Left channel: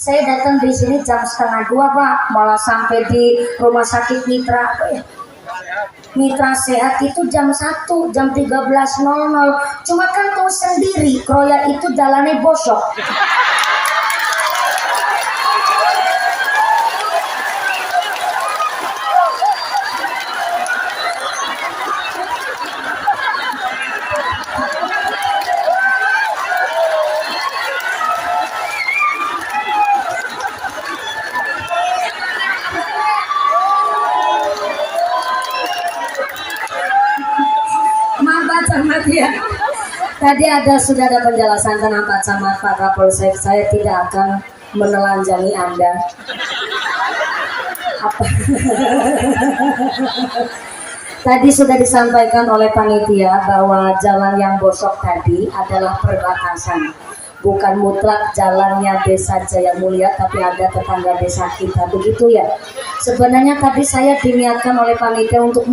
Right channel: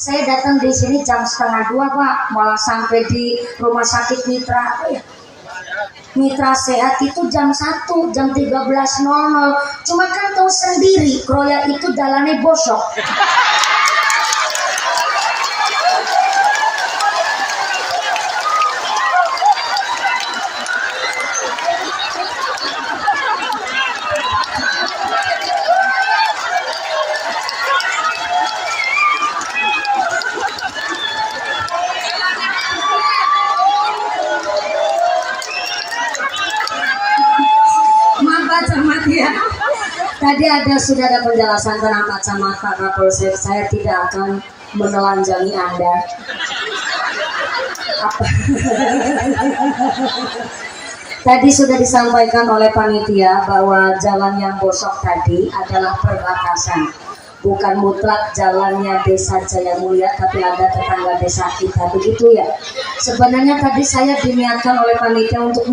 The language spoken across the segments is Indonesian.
Saya datang di sini jam 1:30 Pak, malah sampai di rumah sakit Mitra apa ya? Mitra Sehat itu jam 1, jam 13.00. Cuma kan tahu sendiri, kroya itu jalannya bosok. Ya. Tadi sudah ada penjelasan tentang Pak Camat, Pak Kapolsek. Saya tidak akan menelanjangi Anda. Apa? Tadi sudah disampaikan oleh panitia bahwa jalan yang bosok tadi adalah perbatasan. Bukan mutlak jalannya Desa Jaya Mulia, tapi ada tetangga desa kita, begitu ya. Sebenarnya tadi saya diniatkan oleh panitia untuk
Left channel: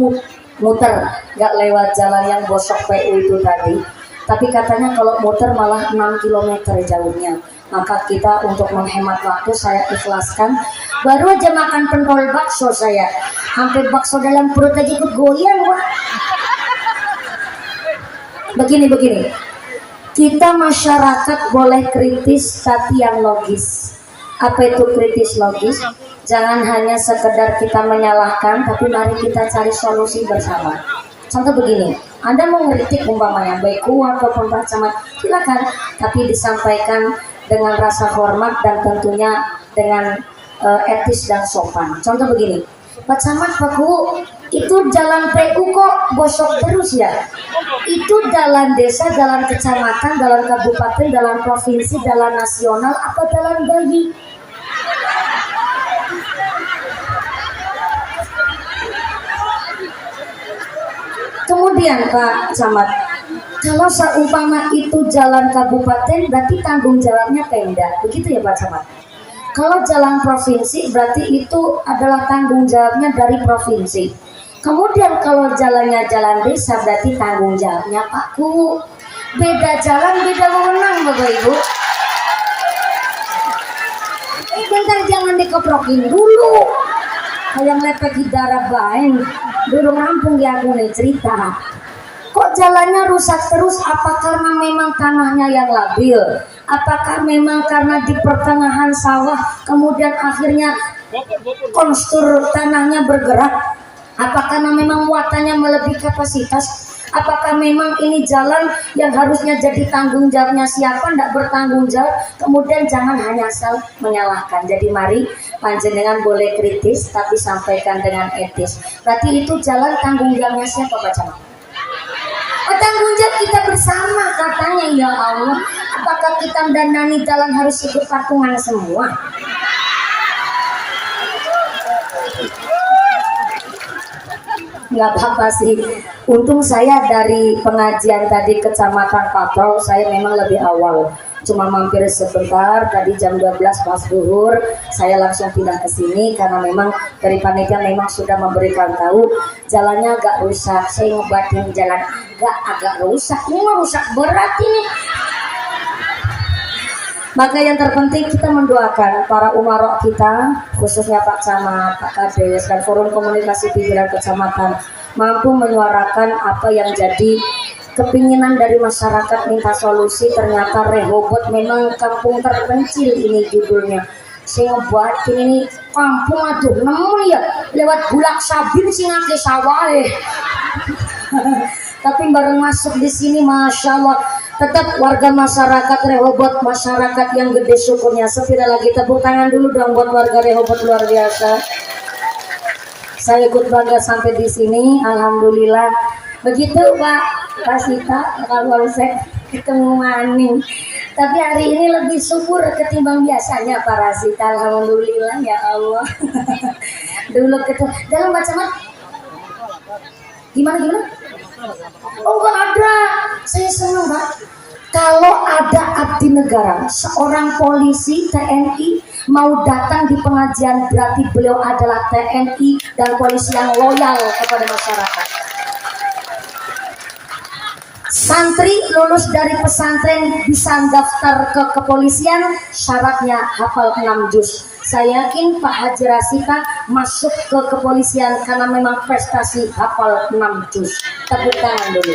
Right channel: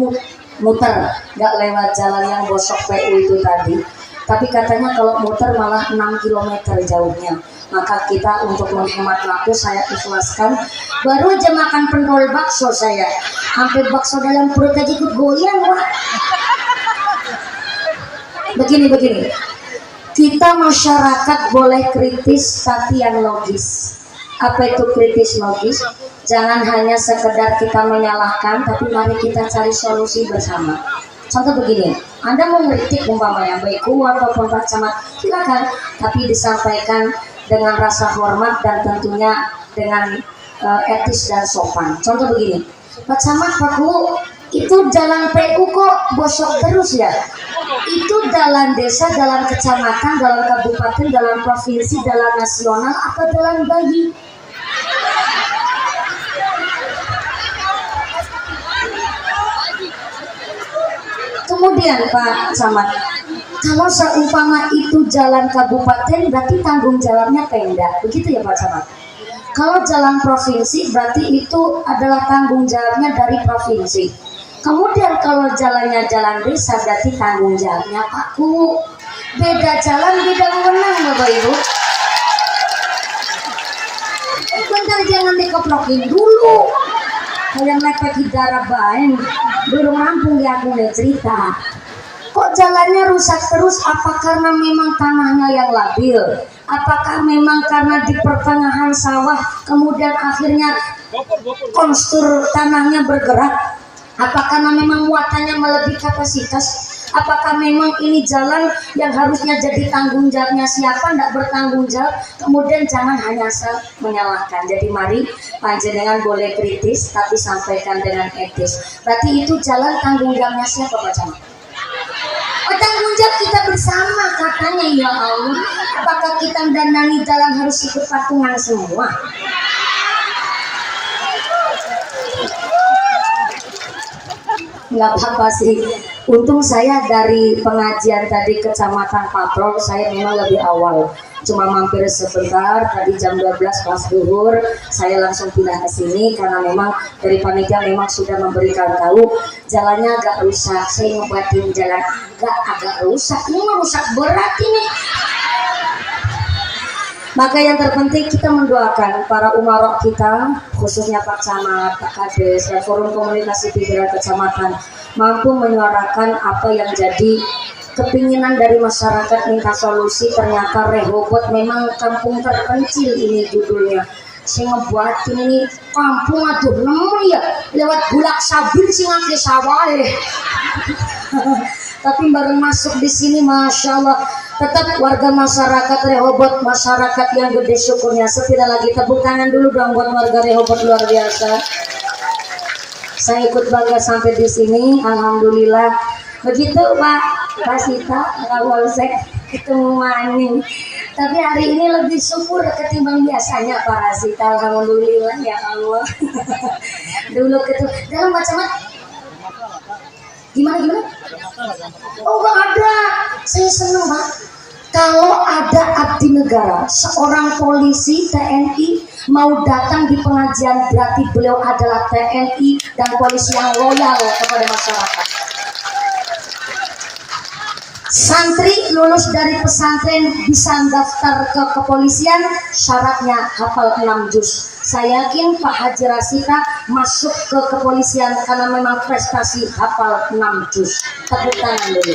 muter, nggak lewat jalan yang bosok PU itu tadi, tapi katanya kalau muter malah 6 km jauhnya. Maka kita untuk menghemat waktu saya ikhlaskan. Baru aja makan pentol bakso saya, hampir bakso dalam perut aja ikut goyang wah. Begini, kita masyarakat boleh kritis tapi yang logis. Apa itu kritis logis? Jangan hanya sekedar kita menyalahkan, tapi mari kita cari solusi bersama. Contoh begini, Anda mau ngeritik umpamanya baik ataupun Pak Camat, silakan, tapi disampaikan dengan rasa hormat dan tentunya dengan etis dan sopan. Contoh begini, Pak Camat, Pak Ku, itu jalan PU kok bosok terus ya? Itu jalan desa, jalan kecamatan, jalan kabupaten, jalan provinsi, jalan nasional, apa jalan bayi? Kemudian Pak Camat, kalau seumpama itu jalan kabupaten berarti tanggung jawabnya Pemda, begitu ya Pak Camat? Kalau jalan provinsi berarti itu adalah tanggung jawabnya dari provinsi. Kemudian kalau jalannya jalan desa berarti tanggung jawabnya Pak Ku. Beda jalan, beda wewenang Bapak Ibu. Bentar, jangan dikeprokin dulu. Yang lepek darah baeng belum rampung ya aku nih cerita. Kok jalannya rusak terus? Apa karena memang tanahnya yang labil? Apakah memang karena di pertengahan sawah kemudian akhirnya konstur tanahnya bergerak? Apa karena memang muatannya melebihi kapasitas? Apakah memang ini jalan yang harusnya jadi tanggung jawabnya siapa, tidak bertanggung jawab? Kemudian jangan hanya asal menyalahkan. Jadi mari panjenengan boleh kritis tapi sampaikan dengan etis. Berarti itu jalan tanggung jawabnya siapa Pak Camat? Oh, tanggung jawab kita bersama katanya ya Allah. Apakah kita danani jalan harus ikut patungan semua? Nggak apa-apa sih. Untung saya dari pengajian tadi kecamatan Patrol saya memang lebih awal. Cuma mampir sebentar, tadi jam 12 pas zuhur saya langsung pindah ke sini karena memang dari panitia memang sudah memberikan tahu jalannya agak rusak. Saya ngebuatin jalan agak rusak. Ini mah rusak berat ini. Maka yang terpenting kita mendoakan para umarok kita, khususnya Pak Camat, Pak Kades, dan Forum Komunikasi Pimpinan Kecamatan mampu menyuarakan apa yang jadi kepinginan dari masyarakat minta solusi. Ternyata Rehoboth memang kampung terpencil ini judulnya. Saya ngebuatin ini kampung aduh nemu ya lewat Bulak Sabir singake sawah. Tapi baru masuk di sini Masya Allah tetap warga masyarakat Rehoboth, masyarakat yang gede syukurnya. Sepira lagi tepuk tangan dulu dong buat warga Rehoboth, luar biasa. Saya ikut bangga sampai di sini, alhamdulillah. Begitu Pak Sita, Kapolsek ketemu Maning. Tapi hari ini lebih syukur ketimbang biasanya Pak Rasita, alhamdulillah ya Allah. Dulu ketemu dalam Pak Camat. Gimana? Oh enggak ada. Saya senang Pak. Kalau ada abdi negara, seorang polisi TNI mau datang di pengajian berarti beliau adalah TNI dan polisi yang loyal kepada masyarakat. Santri lulus dari pesantren bisa daftar ke kepolisian, syaratnya hafal 6 juz. Saya yakin Pak Haji Rasita masuk ke kepolisian karena memang prestasi hafal 6 juz. Tepuk tangan dulu.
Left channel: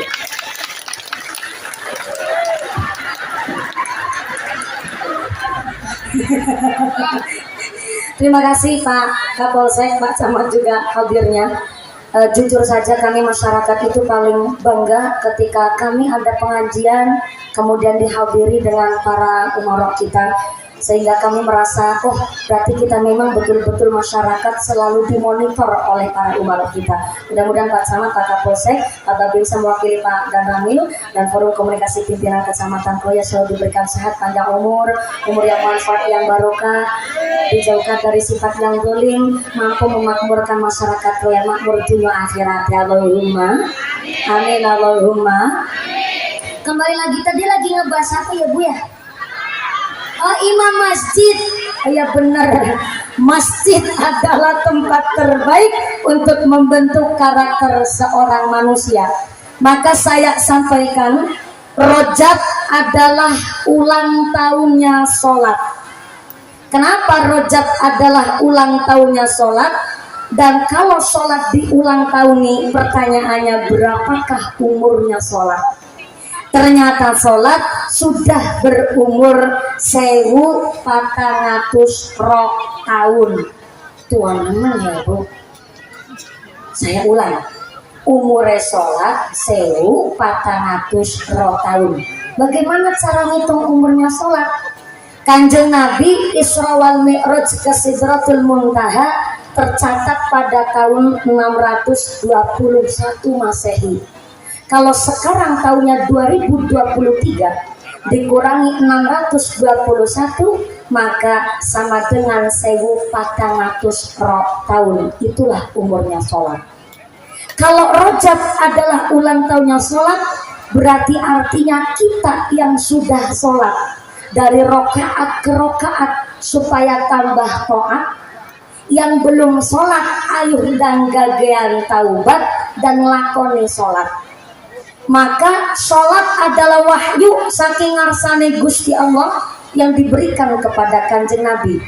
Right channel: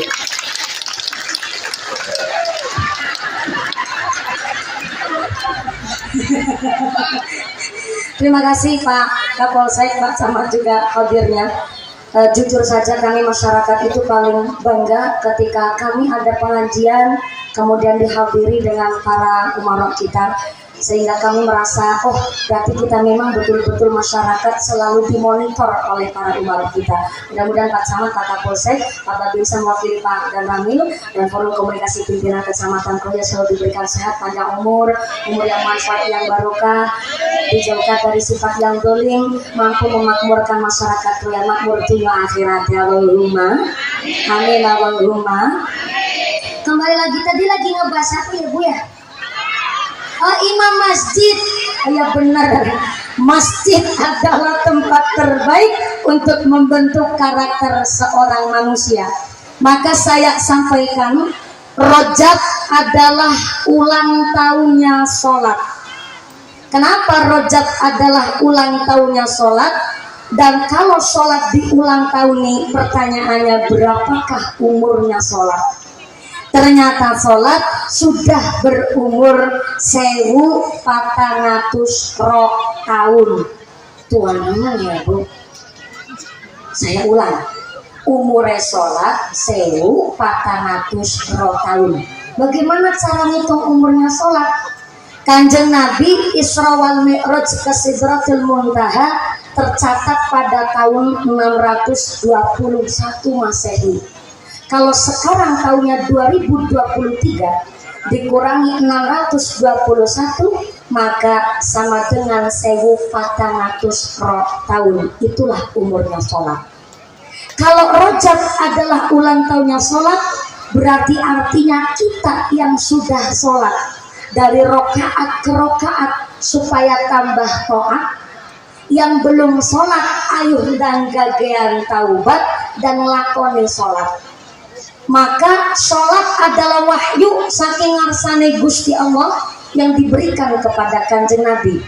Terima kasih Pak Kapolsek, Pak Camat juga hadirnya. Jujur saja kami masyarakat itu paling bangga ketika kami ada pengajian kemudian dihadiri dengan para umarok kita, sehingga kami merasa oh berarti kita memang betul-betul masyarakat selalu dimonitor oleh para umarok kita. Mudah-mudahan Pak Camat, Pak Kapolsek, Pak Babinsa mewakili Pak Dan Ramil dan Forum Komunikasi Pimpinan Kecamatan Kroya selalu diberikan sehat, panjang umur yang manfaat, yang barokah, dijauhkan dari sifat yang dolim, mampu memakmurkan masyarakat Kroya, makmur dunia akhirat ya Allahumma amin Allahumma. Kembali lagi, tadi lagi ngebahas apa ya Bu ya? Oh, imam masjid. Ya benar, masjid adalah tempat terbaik untuk membentuk karakter seorang manusia. Maka saya sampaikan, Rojab adalah ulang tahunnya sholat. Kenapa Rojab adalah ulang tahunnya sholat? Dan kalau sholat di ulang tahun ini, pertanyaannya berapakah umurnya sholat? Ternyata sholat sudah berumur 1400 tahun. Tuan teman ya Bu, saya ulang, umurnya sholat 1400 tahun. Bagaimana cara ngitung umurnya sholat? Kanjeng Nabi Isra wal Mi'raj ke Sidratul Muntaha tercatat pada tahun 621 Masehi. Kalau sekarang tahunnya 2023 dikurangi 621 maka sama dengan 1400 tahun. Itulah umurnya sholat. Kalau Rojab adalah ulang tahunnya sholat, berarti artinya kita yang sudah sholat dari rokaat ke rokaat supaya tambah taat, yang belum sholat ayo dan gagean taubat dan lakoni sholat. Maka sholat adalah wahyu saking ngarsane Gusti Allah yang diberikan kepada Kanjeng Nabi.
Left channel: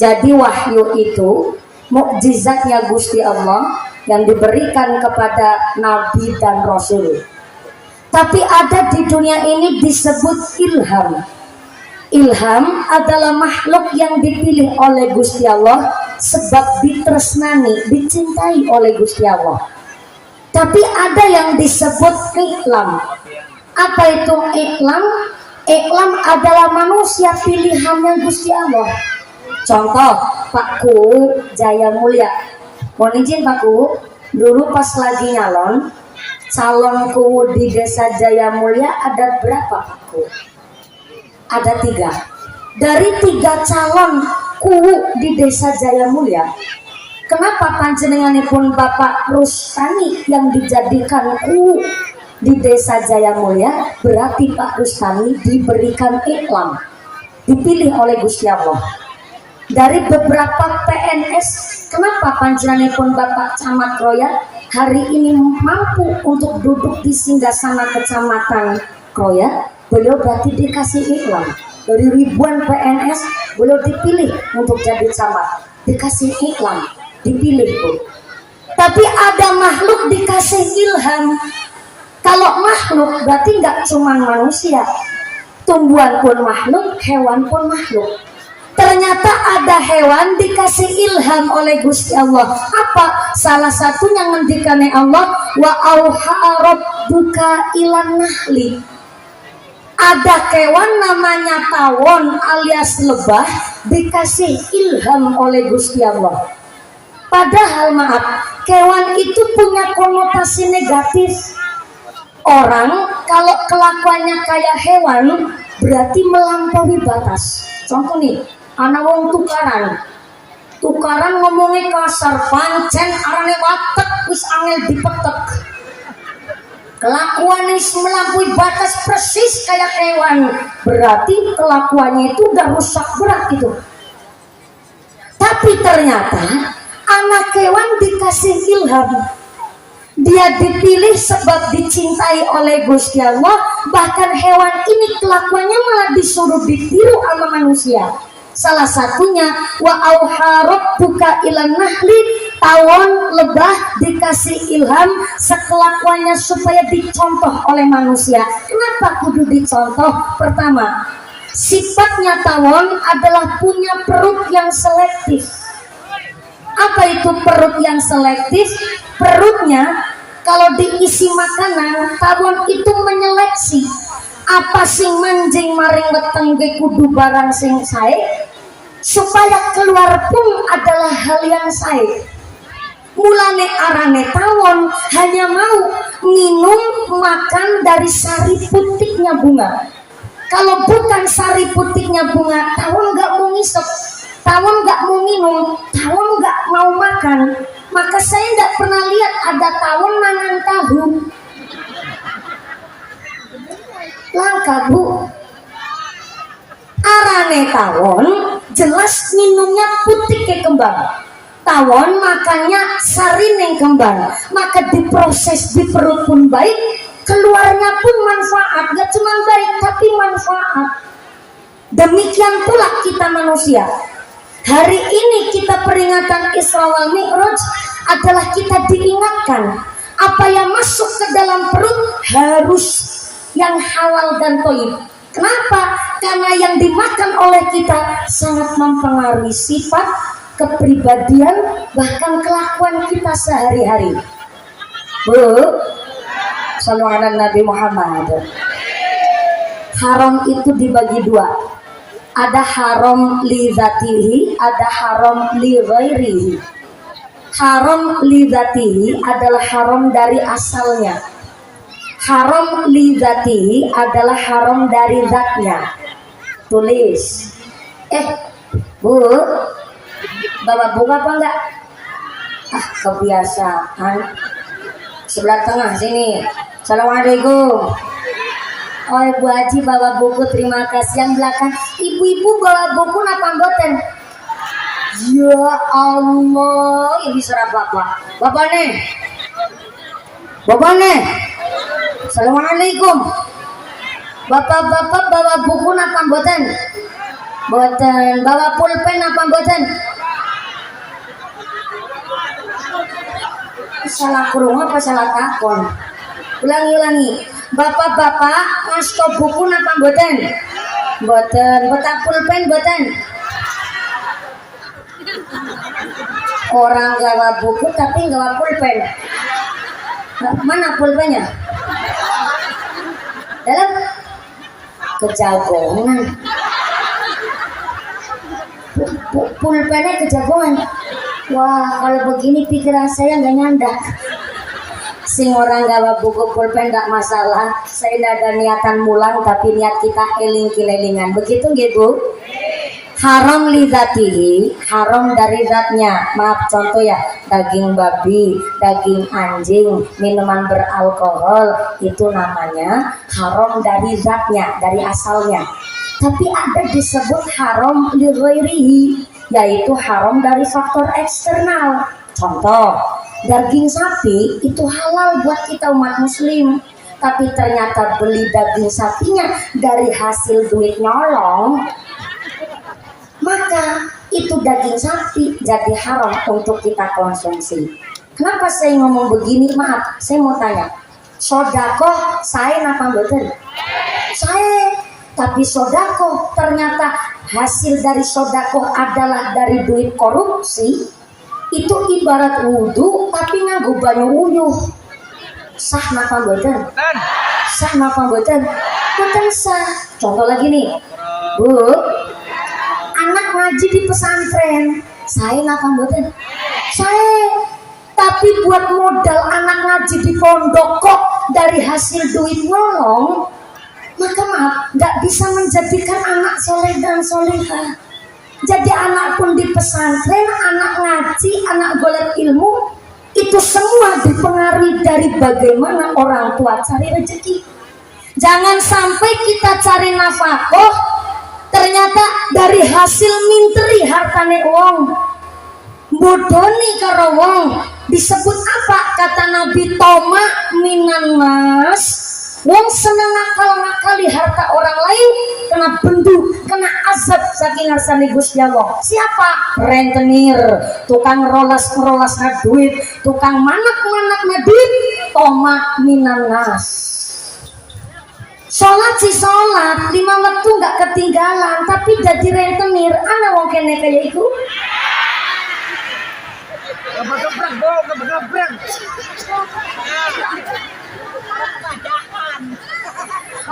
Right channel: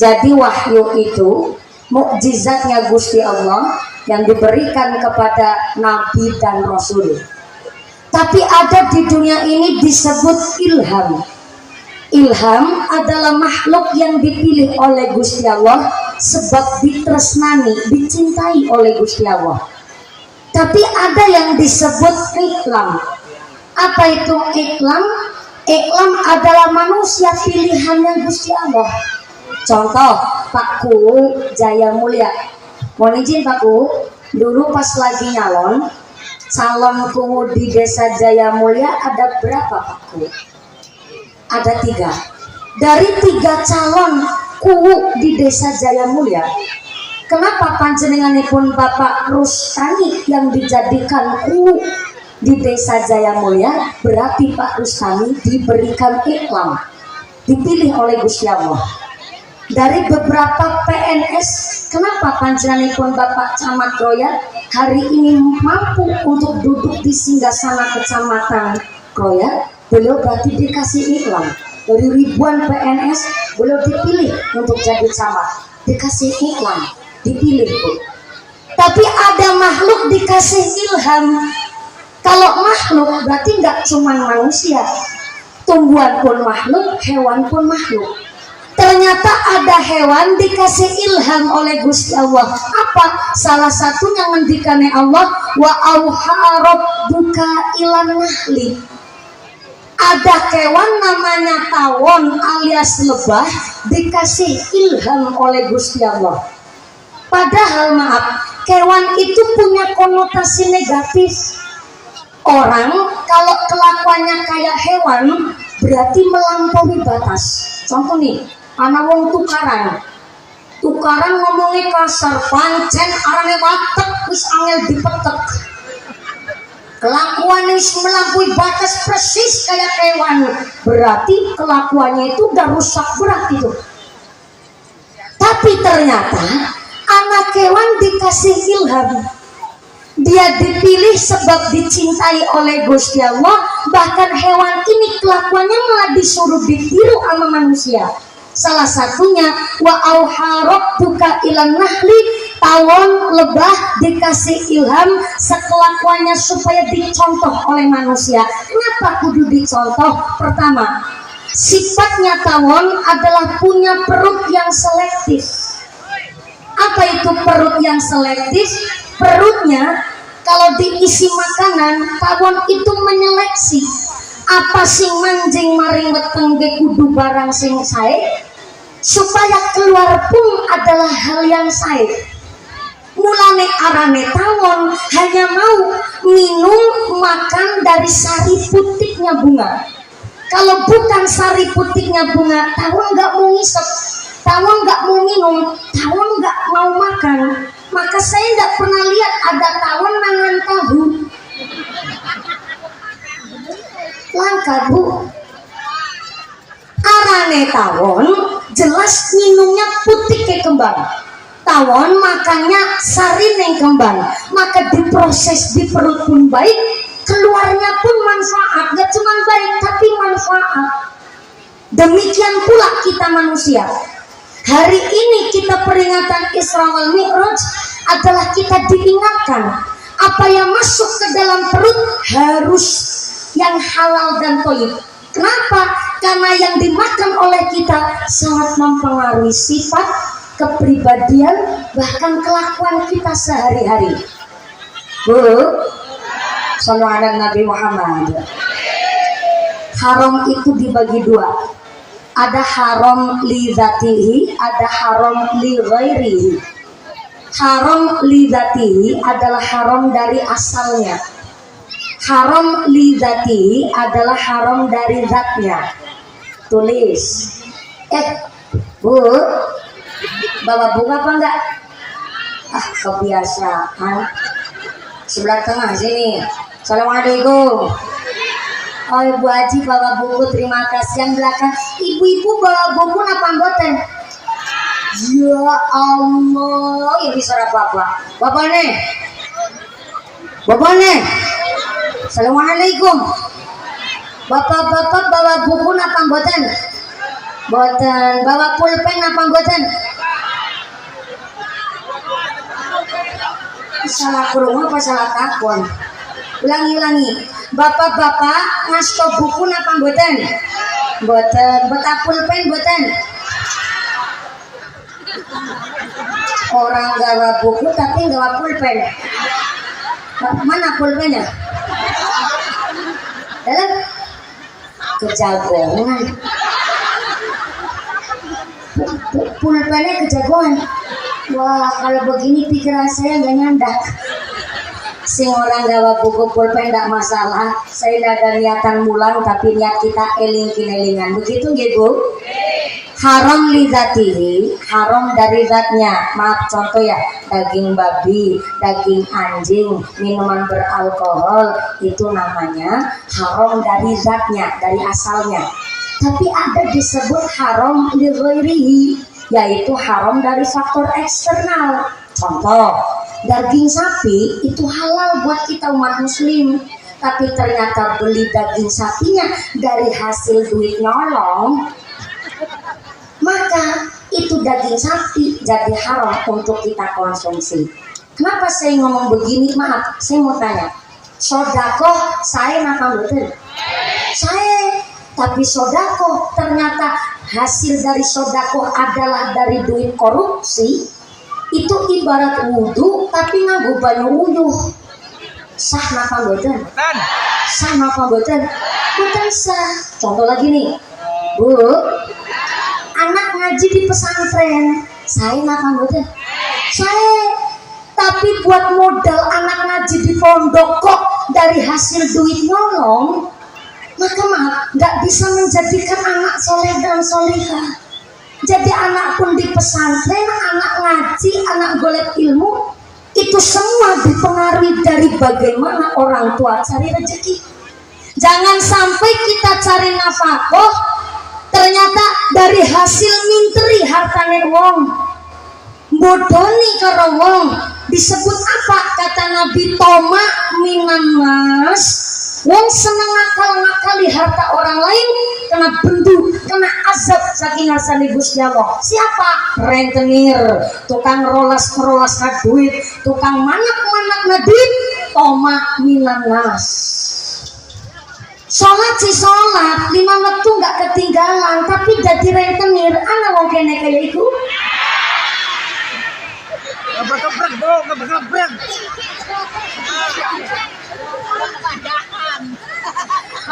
Jadi wahyu itu mukjizatnya Gusti Allah yang diberikan kepada Nabi dan Rasul. Tapi ada di dunia ini disebut ilham. Ilham adalah makhluk yang dipilih oleh Gusti Allah sebab ditresnani, dicintai oleh Gusti Allah. Tapi ada yang disebut iklam. Apa itu iklam? Iklam adalah manusia pilihannya Gusti Allah. Contoh Pak Ku Jaya Mulia. Mohon izin Pak Ku, dulu pas lagi nyalon, calonku di desa Jaya Mulia ada berapa Pak Ku? Ada 3. Dari 3 calon ku di desa Jaya Mulia, kenapa panjenenganipun Bapak Rustani yang dijadikan ku di desa Jaya Mulia? Berarti Pak Rustani diberikan iklam, dipilih oleh Gusti Allah. Dari beberapa PNS, kenapa panjenenganipun Bapak Camat Kroya hari ini mampu untuk duduk di singgasana Kecamatan Kroya? Beliau berarti dikasih iklan. Dari ribuan PNS beliau dipilih untuk jadi camat, dikasih iklan, dipilih Bu. Tapi ada makhluk dikasih ilham. Kalau makhluk berarti nggak cuma manusia, tumbuhan pun makhluk, hewan pun makhluk. Ternyata ada hewan dikasih ilham oleh Gusti Allah. Apa? Salah satunya ngendikane Allah, wa auha rabbuka ilan nahli. Ada kewan namanya tawon alias lebah dikasih ilham oleh Gusti Allah. Padahal maaf, kewan itu punya konotasi negatif. Orang kalau kelakuannya kayak hewan berarti melampaui batas. Contoh nih, anak wong tukaran ngomongnya kasar, pancen arane watek wis angel dipetek. Kelakuannya melampaui batas persis kayak hewan, berarti kelakuannya itu udah rusak berat itu. Tapi ternyata anak hewan dikasih ilham. Dia dipilih sebab dicintai oleh Gusti Allah. Bahkan hewan ini kelakuannya malah disuruh ditiru sama manusia. Salah satunya wa auha rabbuka ilan nahli, tawon lebah dikasih ilham sekelakuannya supaya dicontoh oleh manusia. Kenapa kudu dicontoh? Pertama, sifatnya tawon adalah punya perut yang selektif. Apa itu perut yang selektif? Perutnya kalau diisi makanan, tawon itu menyeleksi apa sing manjing maring weteng ge kudu barang sing sae, supaya keluar pun adalah hal yang sae. Mulane arane tawon hanya mau minum makan dari sari putiknya bunga. Kalau bukan sari putiknya bunga, tawon nggak mau ngisep, tawon nggak mau minum, tawon nggak mau makan. Maka saya tidak pernah lihat ada tawon nangan tahu. Langka bu. Arane tawon jelas minumnya putih ke kembang. Tawon makannya sarineng kembang. Maka diproses di perut pun baik, keluarnya pun manfaat. Gak cuma baik tapi manfaat. Demikian pula kita manusia. Hari ini kita peringatan Isra wal Mi'raj adalah kita diingatkan apa yang masuk ke dalam perut harus yang halal dan thayyib. Kenapa? Karena yang dimakan oleh kita sangat mempengaruhi sifat, kepribadian, bahkan kelakuan kita sehari-hari. Bu, sallu ala Nabi Muhammad. Haram itu dibagi dua. Ada haram li dzatihi, ada haram li ghairihi. Haram li dzatihi adalah haram dari asalnya. Haram li dzatihi adalah haram dari zatnya. Tulis. Bu, bawa bunga apa enggak? Ah, kebiasaan. Sebelah tengah sini. Assalamualaikum. Oh, Ibu Haji bawa buku, terima kasih. Yang belakang, ibu-ibu bawa buku apa mboten? Ya Allah, ini suara bapak. Bapak nih. Assalamualaikum. Bapak-bapak bawa buku apa mboten? Mboten. Bawa pulpen apa mboten? Salah kurung apa salah takon? Ulangi. Bapak-bapak ngasto buku napa mboten? Mboten. Beta pulpen mboten? Orang gawa buku tapi gawa pulpen. Mana pulpennya? Dalam kejagongan. Pulpennya kejagongan. Wah, kalau begini pikiran saya nggak nyandak. Sing orang gawa buku pulpen tidak masalah. Saya tidak ada niatan mulang, tapi niat kita eling-kilelingan. Begitu nggih Bu? Haram li dzatihi, haram dari zatnya. Maaf, contoh ya, daging babi, daging anjing, minuman beralkohol, itu namanya haram dari zatnya, dari asalnya. Tapi ada disebut haram li ghairihi, yaitu haram dari faktor eksternal. Contoh, daging sapi itu halal buat kita umat muslim, tapi ternyata beli daging sapinya dari hasil duit nyolong, maka itu daging sapi jadi haram untuk kita konsumsi. Kenapa saya ngomong begini? Maaf, saya mau tanya, sodakoh saya napa mboten? Saya, tapi sodakoh ternyata hasil dari sodakoh adalah dari duit korupsi. Itu ibarat wudhu tapi nganggo banyu uyuh. Sah napa mboten? Sah napa mboten? Mboten sah. Contoh lagi nih, Bu, anak ngaji di pesantren, saya napa mboten? Saya. Tapi buat modal anak ngaji di pondok kok dari hasil duit nolong, maka maaf, nggak bisa menjadikan anak soleh dan solehah. Jadi anak pun di pesantren, anak ngaji, anak golek ilmu, itu semua dipengaruhi dari bagaimana orang tua cari rezeki. Jangan sampai kita cari nafkah, ternyata dari hasil minteri hartane wong, bodoni karo wong, Disebut apa? Kata Nabi, toma minan nas, wong seneng ngakal-ngakali harta orang lain, kena bendu, kena azab saking ngasani Gusti Allah. Siapa? Rentenir, tukang rolas na duit, tukang manak na duit, toma minan nas. Sholat si sholat 5 waktu nggak ketinggalan, tapi jadi rentenir. Anak wong kene kayak iku.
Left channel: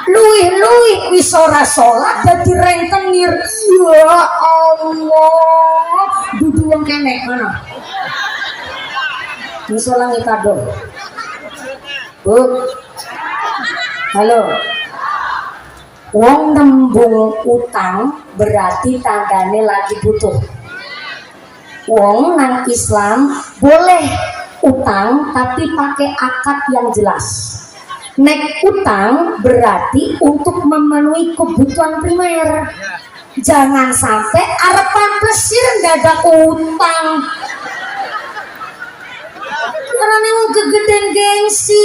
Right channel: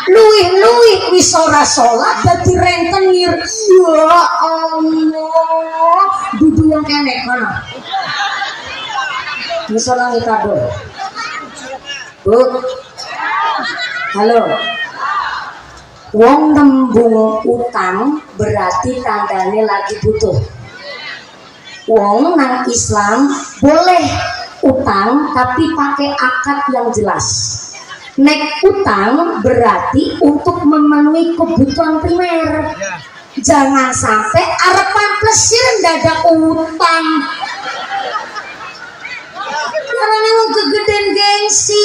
Luih wis ora sholat jadi rentenir. Ya Allah, dudu wong kene kono. Misalnya kita do. Bu. Halo. Wong nembung utang berarti tandane lagi butuh. Wong nang Islam boleh utang tapi pakai akad yang jelas. Nek utang berarti untuk memenuhi kebutuhan primer. Jangan sampai arepan plesir dadak utang. Karena memang kegedean gengsi.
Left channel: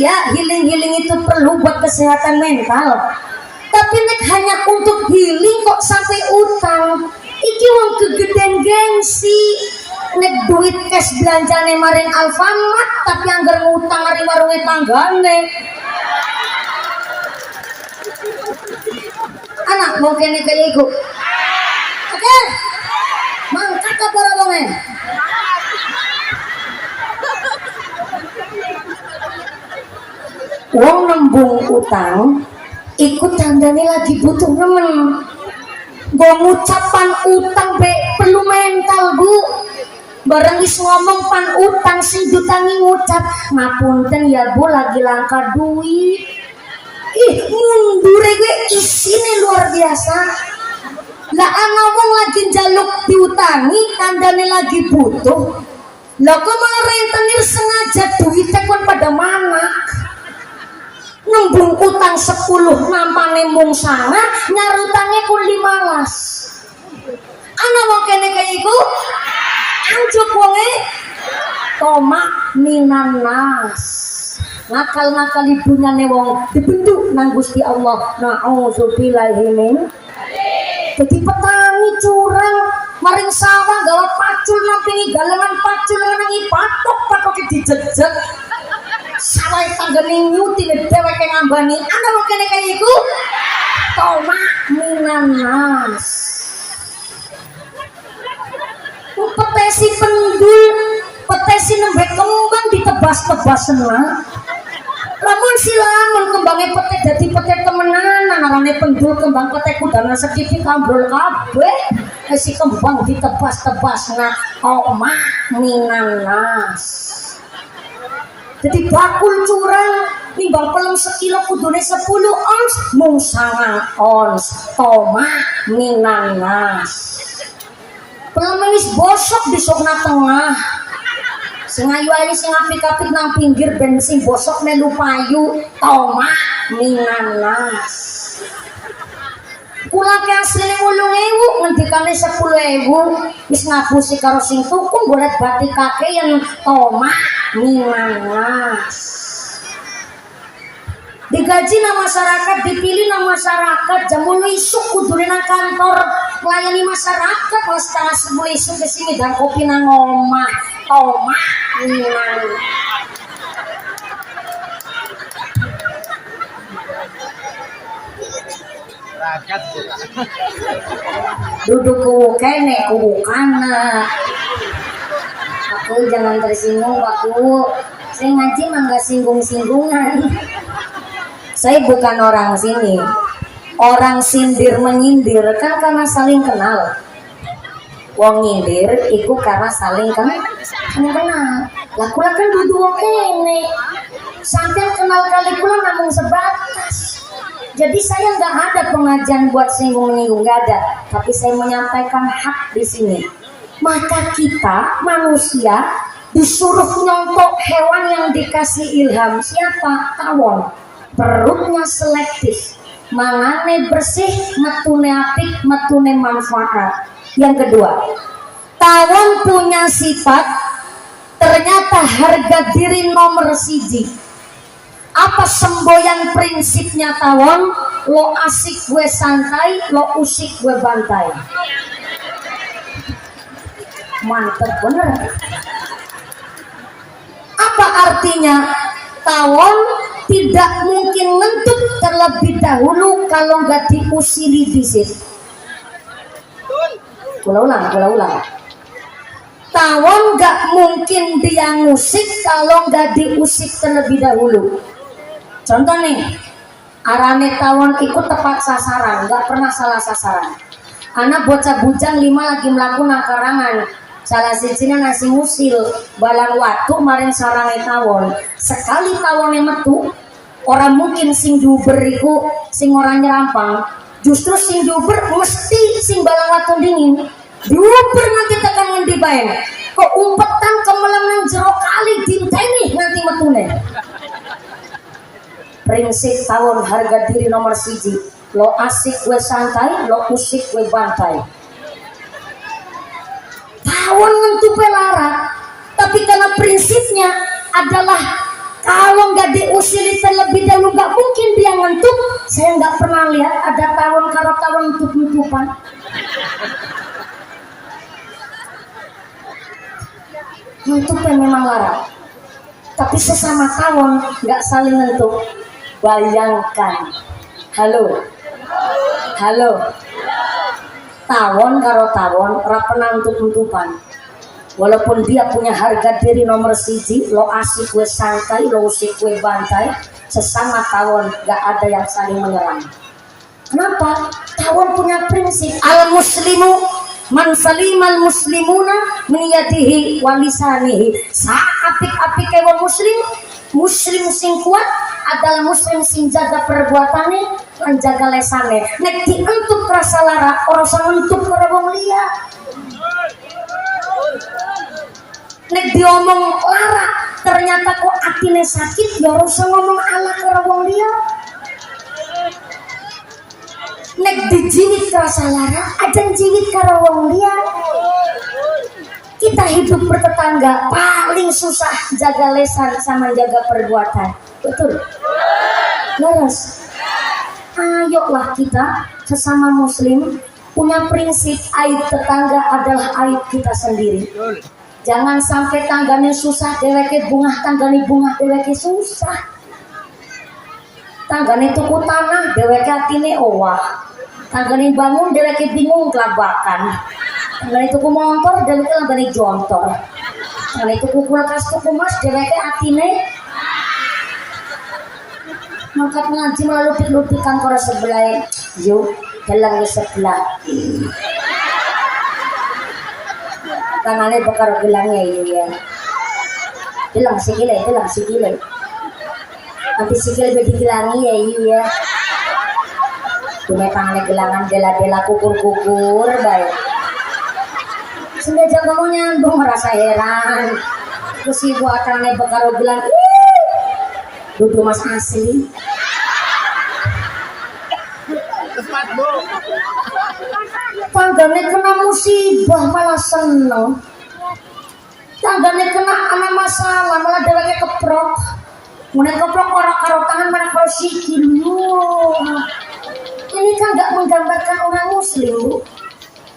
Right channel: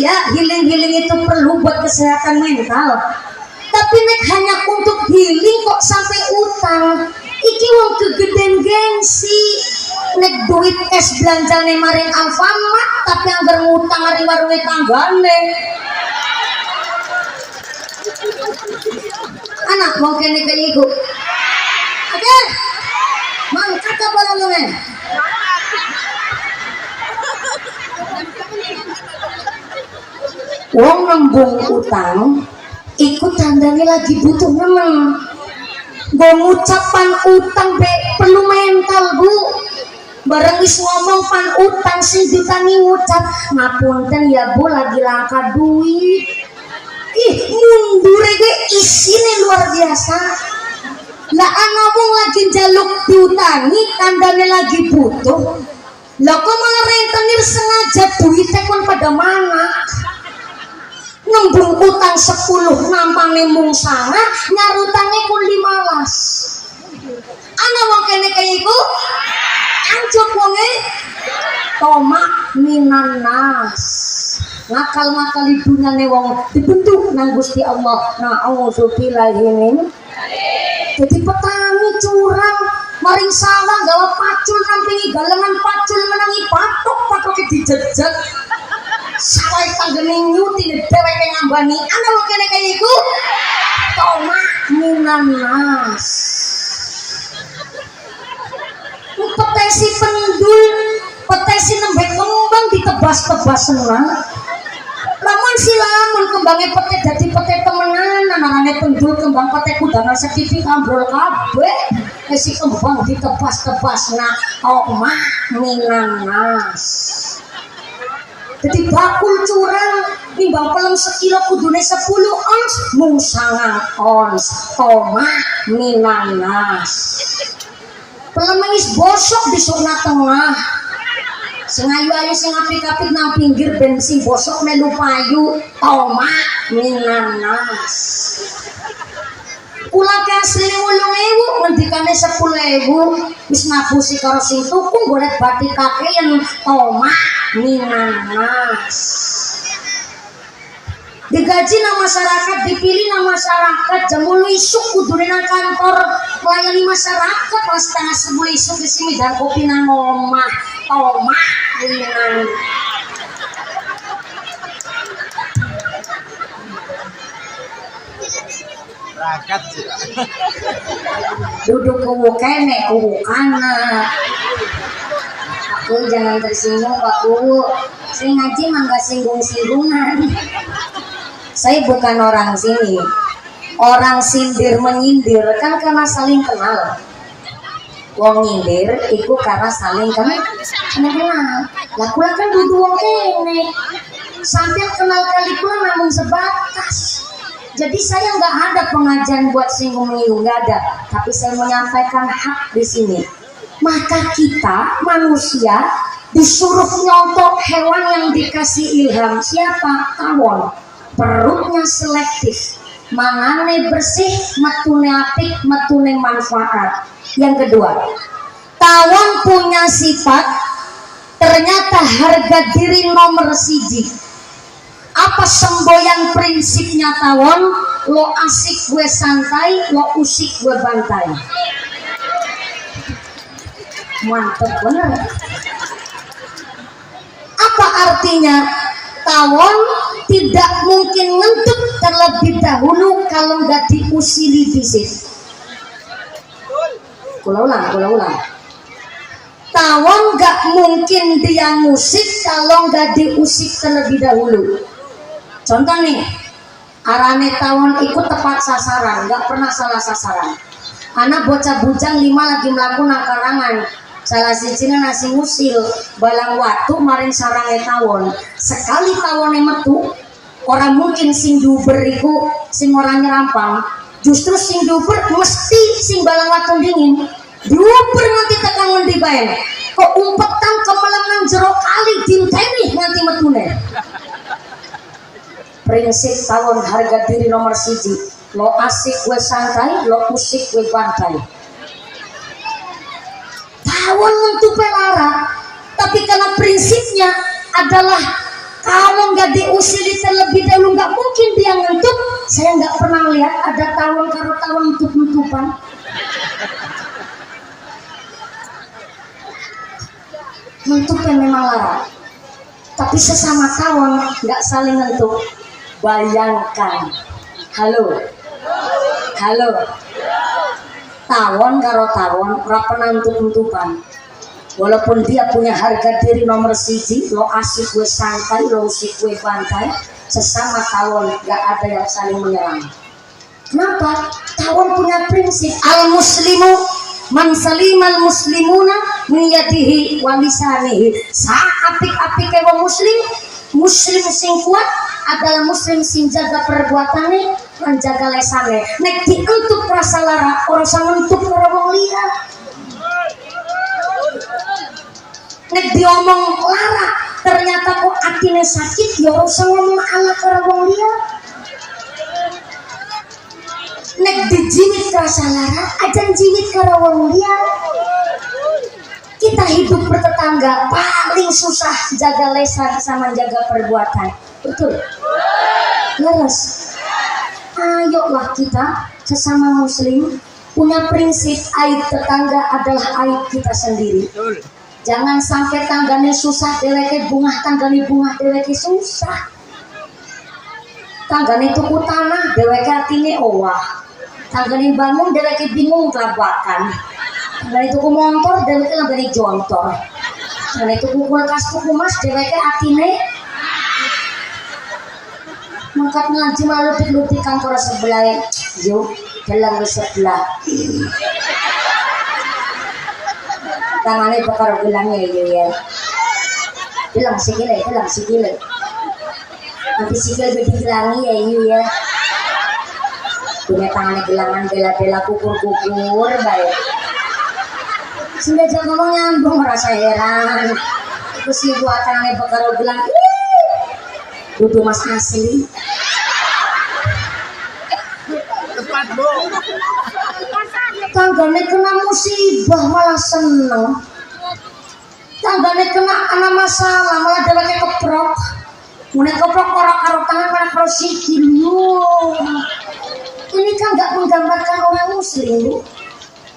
Iya, healing itu perlu buat kesehatan mental. Tapi nek hanya untuk healing kok sampai utang. Iki wong kegedean gengsi. Nek duit cash belanjane maring Alfamart tapi anggar ngutang ari warunge tanggane. Anak mau kene kaya iku. Oke. Mangkat apa wonge? Wong nembung utang ikut tandane lagi butuh nemen. Gue ngucapan utang be perlu mental bu. Bareng wis ngomong pan utang sing jutangi ngucap ngapunten ya bu lagi langka duit. Ih mundure ge isine luar biasa. Lah ana wong lagi jaluk diutangi tandane lagi butuh. Lah kok malah rentenir sengaja duitnya kon pada mana? Nembung utang 10 nampane mung sana nyarutangnya kun 15. Ana mau kene kaya iku anjuk wonge toma minan nas. Ngakal-ngakal ibunyane wong dibentuk nang Gusti Allah. Nauzubillahi min. Jadi petani curang maring sawah gawe pacul nampingi galengan pacul nang patok-patoke dijejet. Sawah tanggane nyuti dheweke ngambani. Ana wong kene kaya iku toma minan nas. Petesi pendul, petesi nembe kembang ditebas-tebasna. Lamun silamun kembange petek dadi petek temenan, anane pendul kembang petek kudana sedikit kambrol kabeh. Si kembang ditebas-tebasna toma minan nas. Jadi bakul curang nimbang pelem sekilo kudune 10 ons mung 9 ons toma minan nas. Pelem wis bosok di sokna tengah. Sing ayu-ayu sing apik-apik nang pinggir ben sing bosok melu payu toma minan nas. Kula ki asline 8.000 ngendikane 10.000 wis ngapusi karo sing tuku golek batikake yen toma minan nas. Digaji nang masyarakat, dipilih nang masyarakat, jam 8 isuk kudune nang kantor melayani masyarakat, kelas setengah 10 isuk kesini dan kopi nang omah toma minan. Duduk kuwu kene kuwu kana. Aku jangan tersinggung Pak Kuwu. Saya ngaji mah nggak singgung-singgungan. Saya bukan orang sini. Orang sindir menyindir kan karena saling kenal. Wong nyindir itu karena saling kenal. Lah kula kan dudu wong kene. Sampai kenal kali kula namun sebatas. Jadi saya nggak ada pengajian buat singgung-singgung, nggak ada. Tapi saya menyampaikan hak di sini. Maka kita manusia disuruh nyontok hewan yang dikasih ilham. Siapa? Tawon. Perutnya selektif. Mangane bersih, metune apik, metune manfaat. Yang kedua, tawon punya sifat ternyata harga diri nomor siji. Apa semboyan prinsipnya tawon? Lo asik gue santai, lo usik gue bantai. Mantep bener. Apa artinya? Tawon tidak mungkin ngentuk terlebih dahulu kalau nggak diusili disit. Ulang. Tawon nggak mungkin dia musik kalau nggak diusik terlebih dahulu. Contoh nih, arane tawon ikut tepat sasaran, nggak pernah salah sasaran. Anak bocah bujang 5 lagi melakukan karangan. Salah sijina nasi musil balang watu maring sarange tawon. Sekali tawone metu, orang mungkin sing diuber iku sing ora nyerampang, justru sing diuber mesti sing balang watu dingin. Diuber nanti tekan ngendi bae. Kok umpetan kemelang nang jero kali dinteni nanti metune. Prinsip tawon harga diri nomor siji. Lo asik gue santai, lo usik gue bantai. Tawon ngentupe lara, tapi karena prinsipnya adalah kalau nggak diusili terlebih dahulu nggak mungkin dia ngentuk. Saya nggak pernah lihat ada tawon karo tawon ngentup-ngentupan. Ngentupnya memang lara, tapi sesama tawon nggak saling ngentuk. Bayangkan, halo, tawon karo tawon ora pernah ngentup-ngentupan. Walaupun dia punya harga diri nomor siji, lo asik gue santai, lo usik gue bantai, sesama tawon gak ada yang saling menyerang. Kenapa? Tawon punya prinsip al muslimu man salimal muslimuna min yadihi wa lisanihi. Apik-apik wong muslim sing kuat adalah muslim sing jaga perbuatane lan jaga lesane. Nek dientuk rasa lara ora usah ngentuk karo wong liya. Nek diomong lara ternyata kok atine sakit ya ora usah ngomong ala karo wong liya. Nek dijiwit rasa lara aja jiwit karo wong liya. Kita hidup bertetangga paling susah jaga lesan sama jaga perbuatan. Betul? Leres. Ayolah kita sesama muslim punya prinsip aib tetangga adalah aib kita sendiri. Jangan sampai tanggane susah deweke bungah, tanggane bungah deweke susah. Tanggane tuku tanah deweke atine owah. Tanggane bangun deweke bingung kelabakan. Tanggane tuku motor deweke lambane jontor. Tanggane tuku kulkas tuku mas deweke atine mangkat ngaji malah lupik-lupikan karo sebelah. Yuk, dalang ke sebelah. Tangannya bakar gelangnya ya. Gelang sikile. Nanti sikile bedi gelangi ya. Dume tangannya gelangan bela-bela kukur-kukur baik. Sudah jago nyambung rasa heran. Terus ibu tangannya bakar gelang. Dudu mas asli. Tanggane kena musibah malah seneng. Tanggane kena ana masalah malah dheweke keprok. Mune keprok ora karo tangan malah karo sikil. Ini kan nggak menggambarkan orang muslim.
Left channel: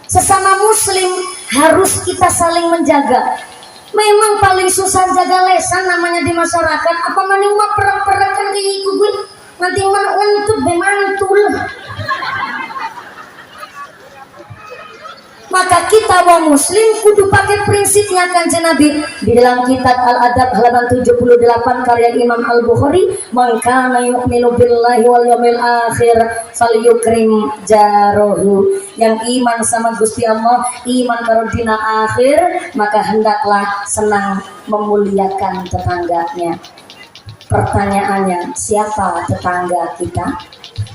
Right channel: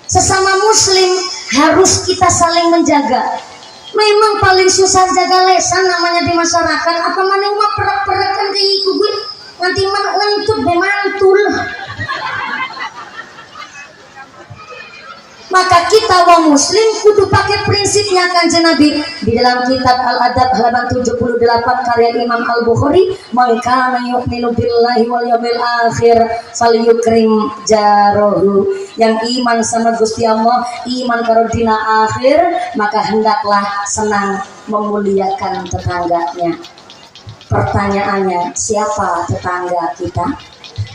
Sesama muslim harus kita saling menjaga. Memang paling susah jaga lesan namanya di masyarakat. Apa maning mah perek-perek kan kayak iku gue. Nanti man untuk bemantul. Maka kita wong muslim kudu pakai prinsipnya Kanjeng Nabi di dalam kitab Al-Adab halaman 78 karya Imam Al-Bukhari, "Man kana yu'minu billahi wal yawmil akhir falyukrim jaruhu." Yang iman sama Gusti Allah, iman karo dina akhir, maka hendaklah senang memuliakan tetangganya. Pertanyaannya, siapa tetangga kita?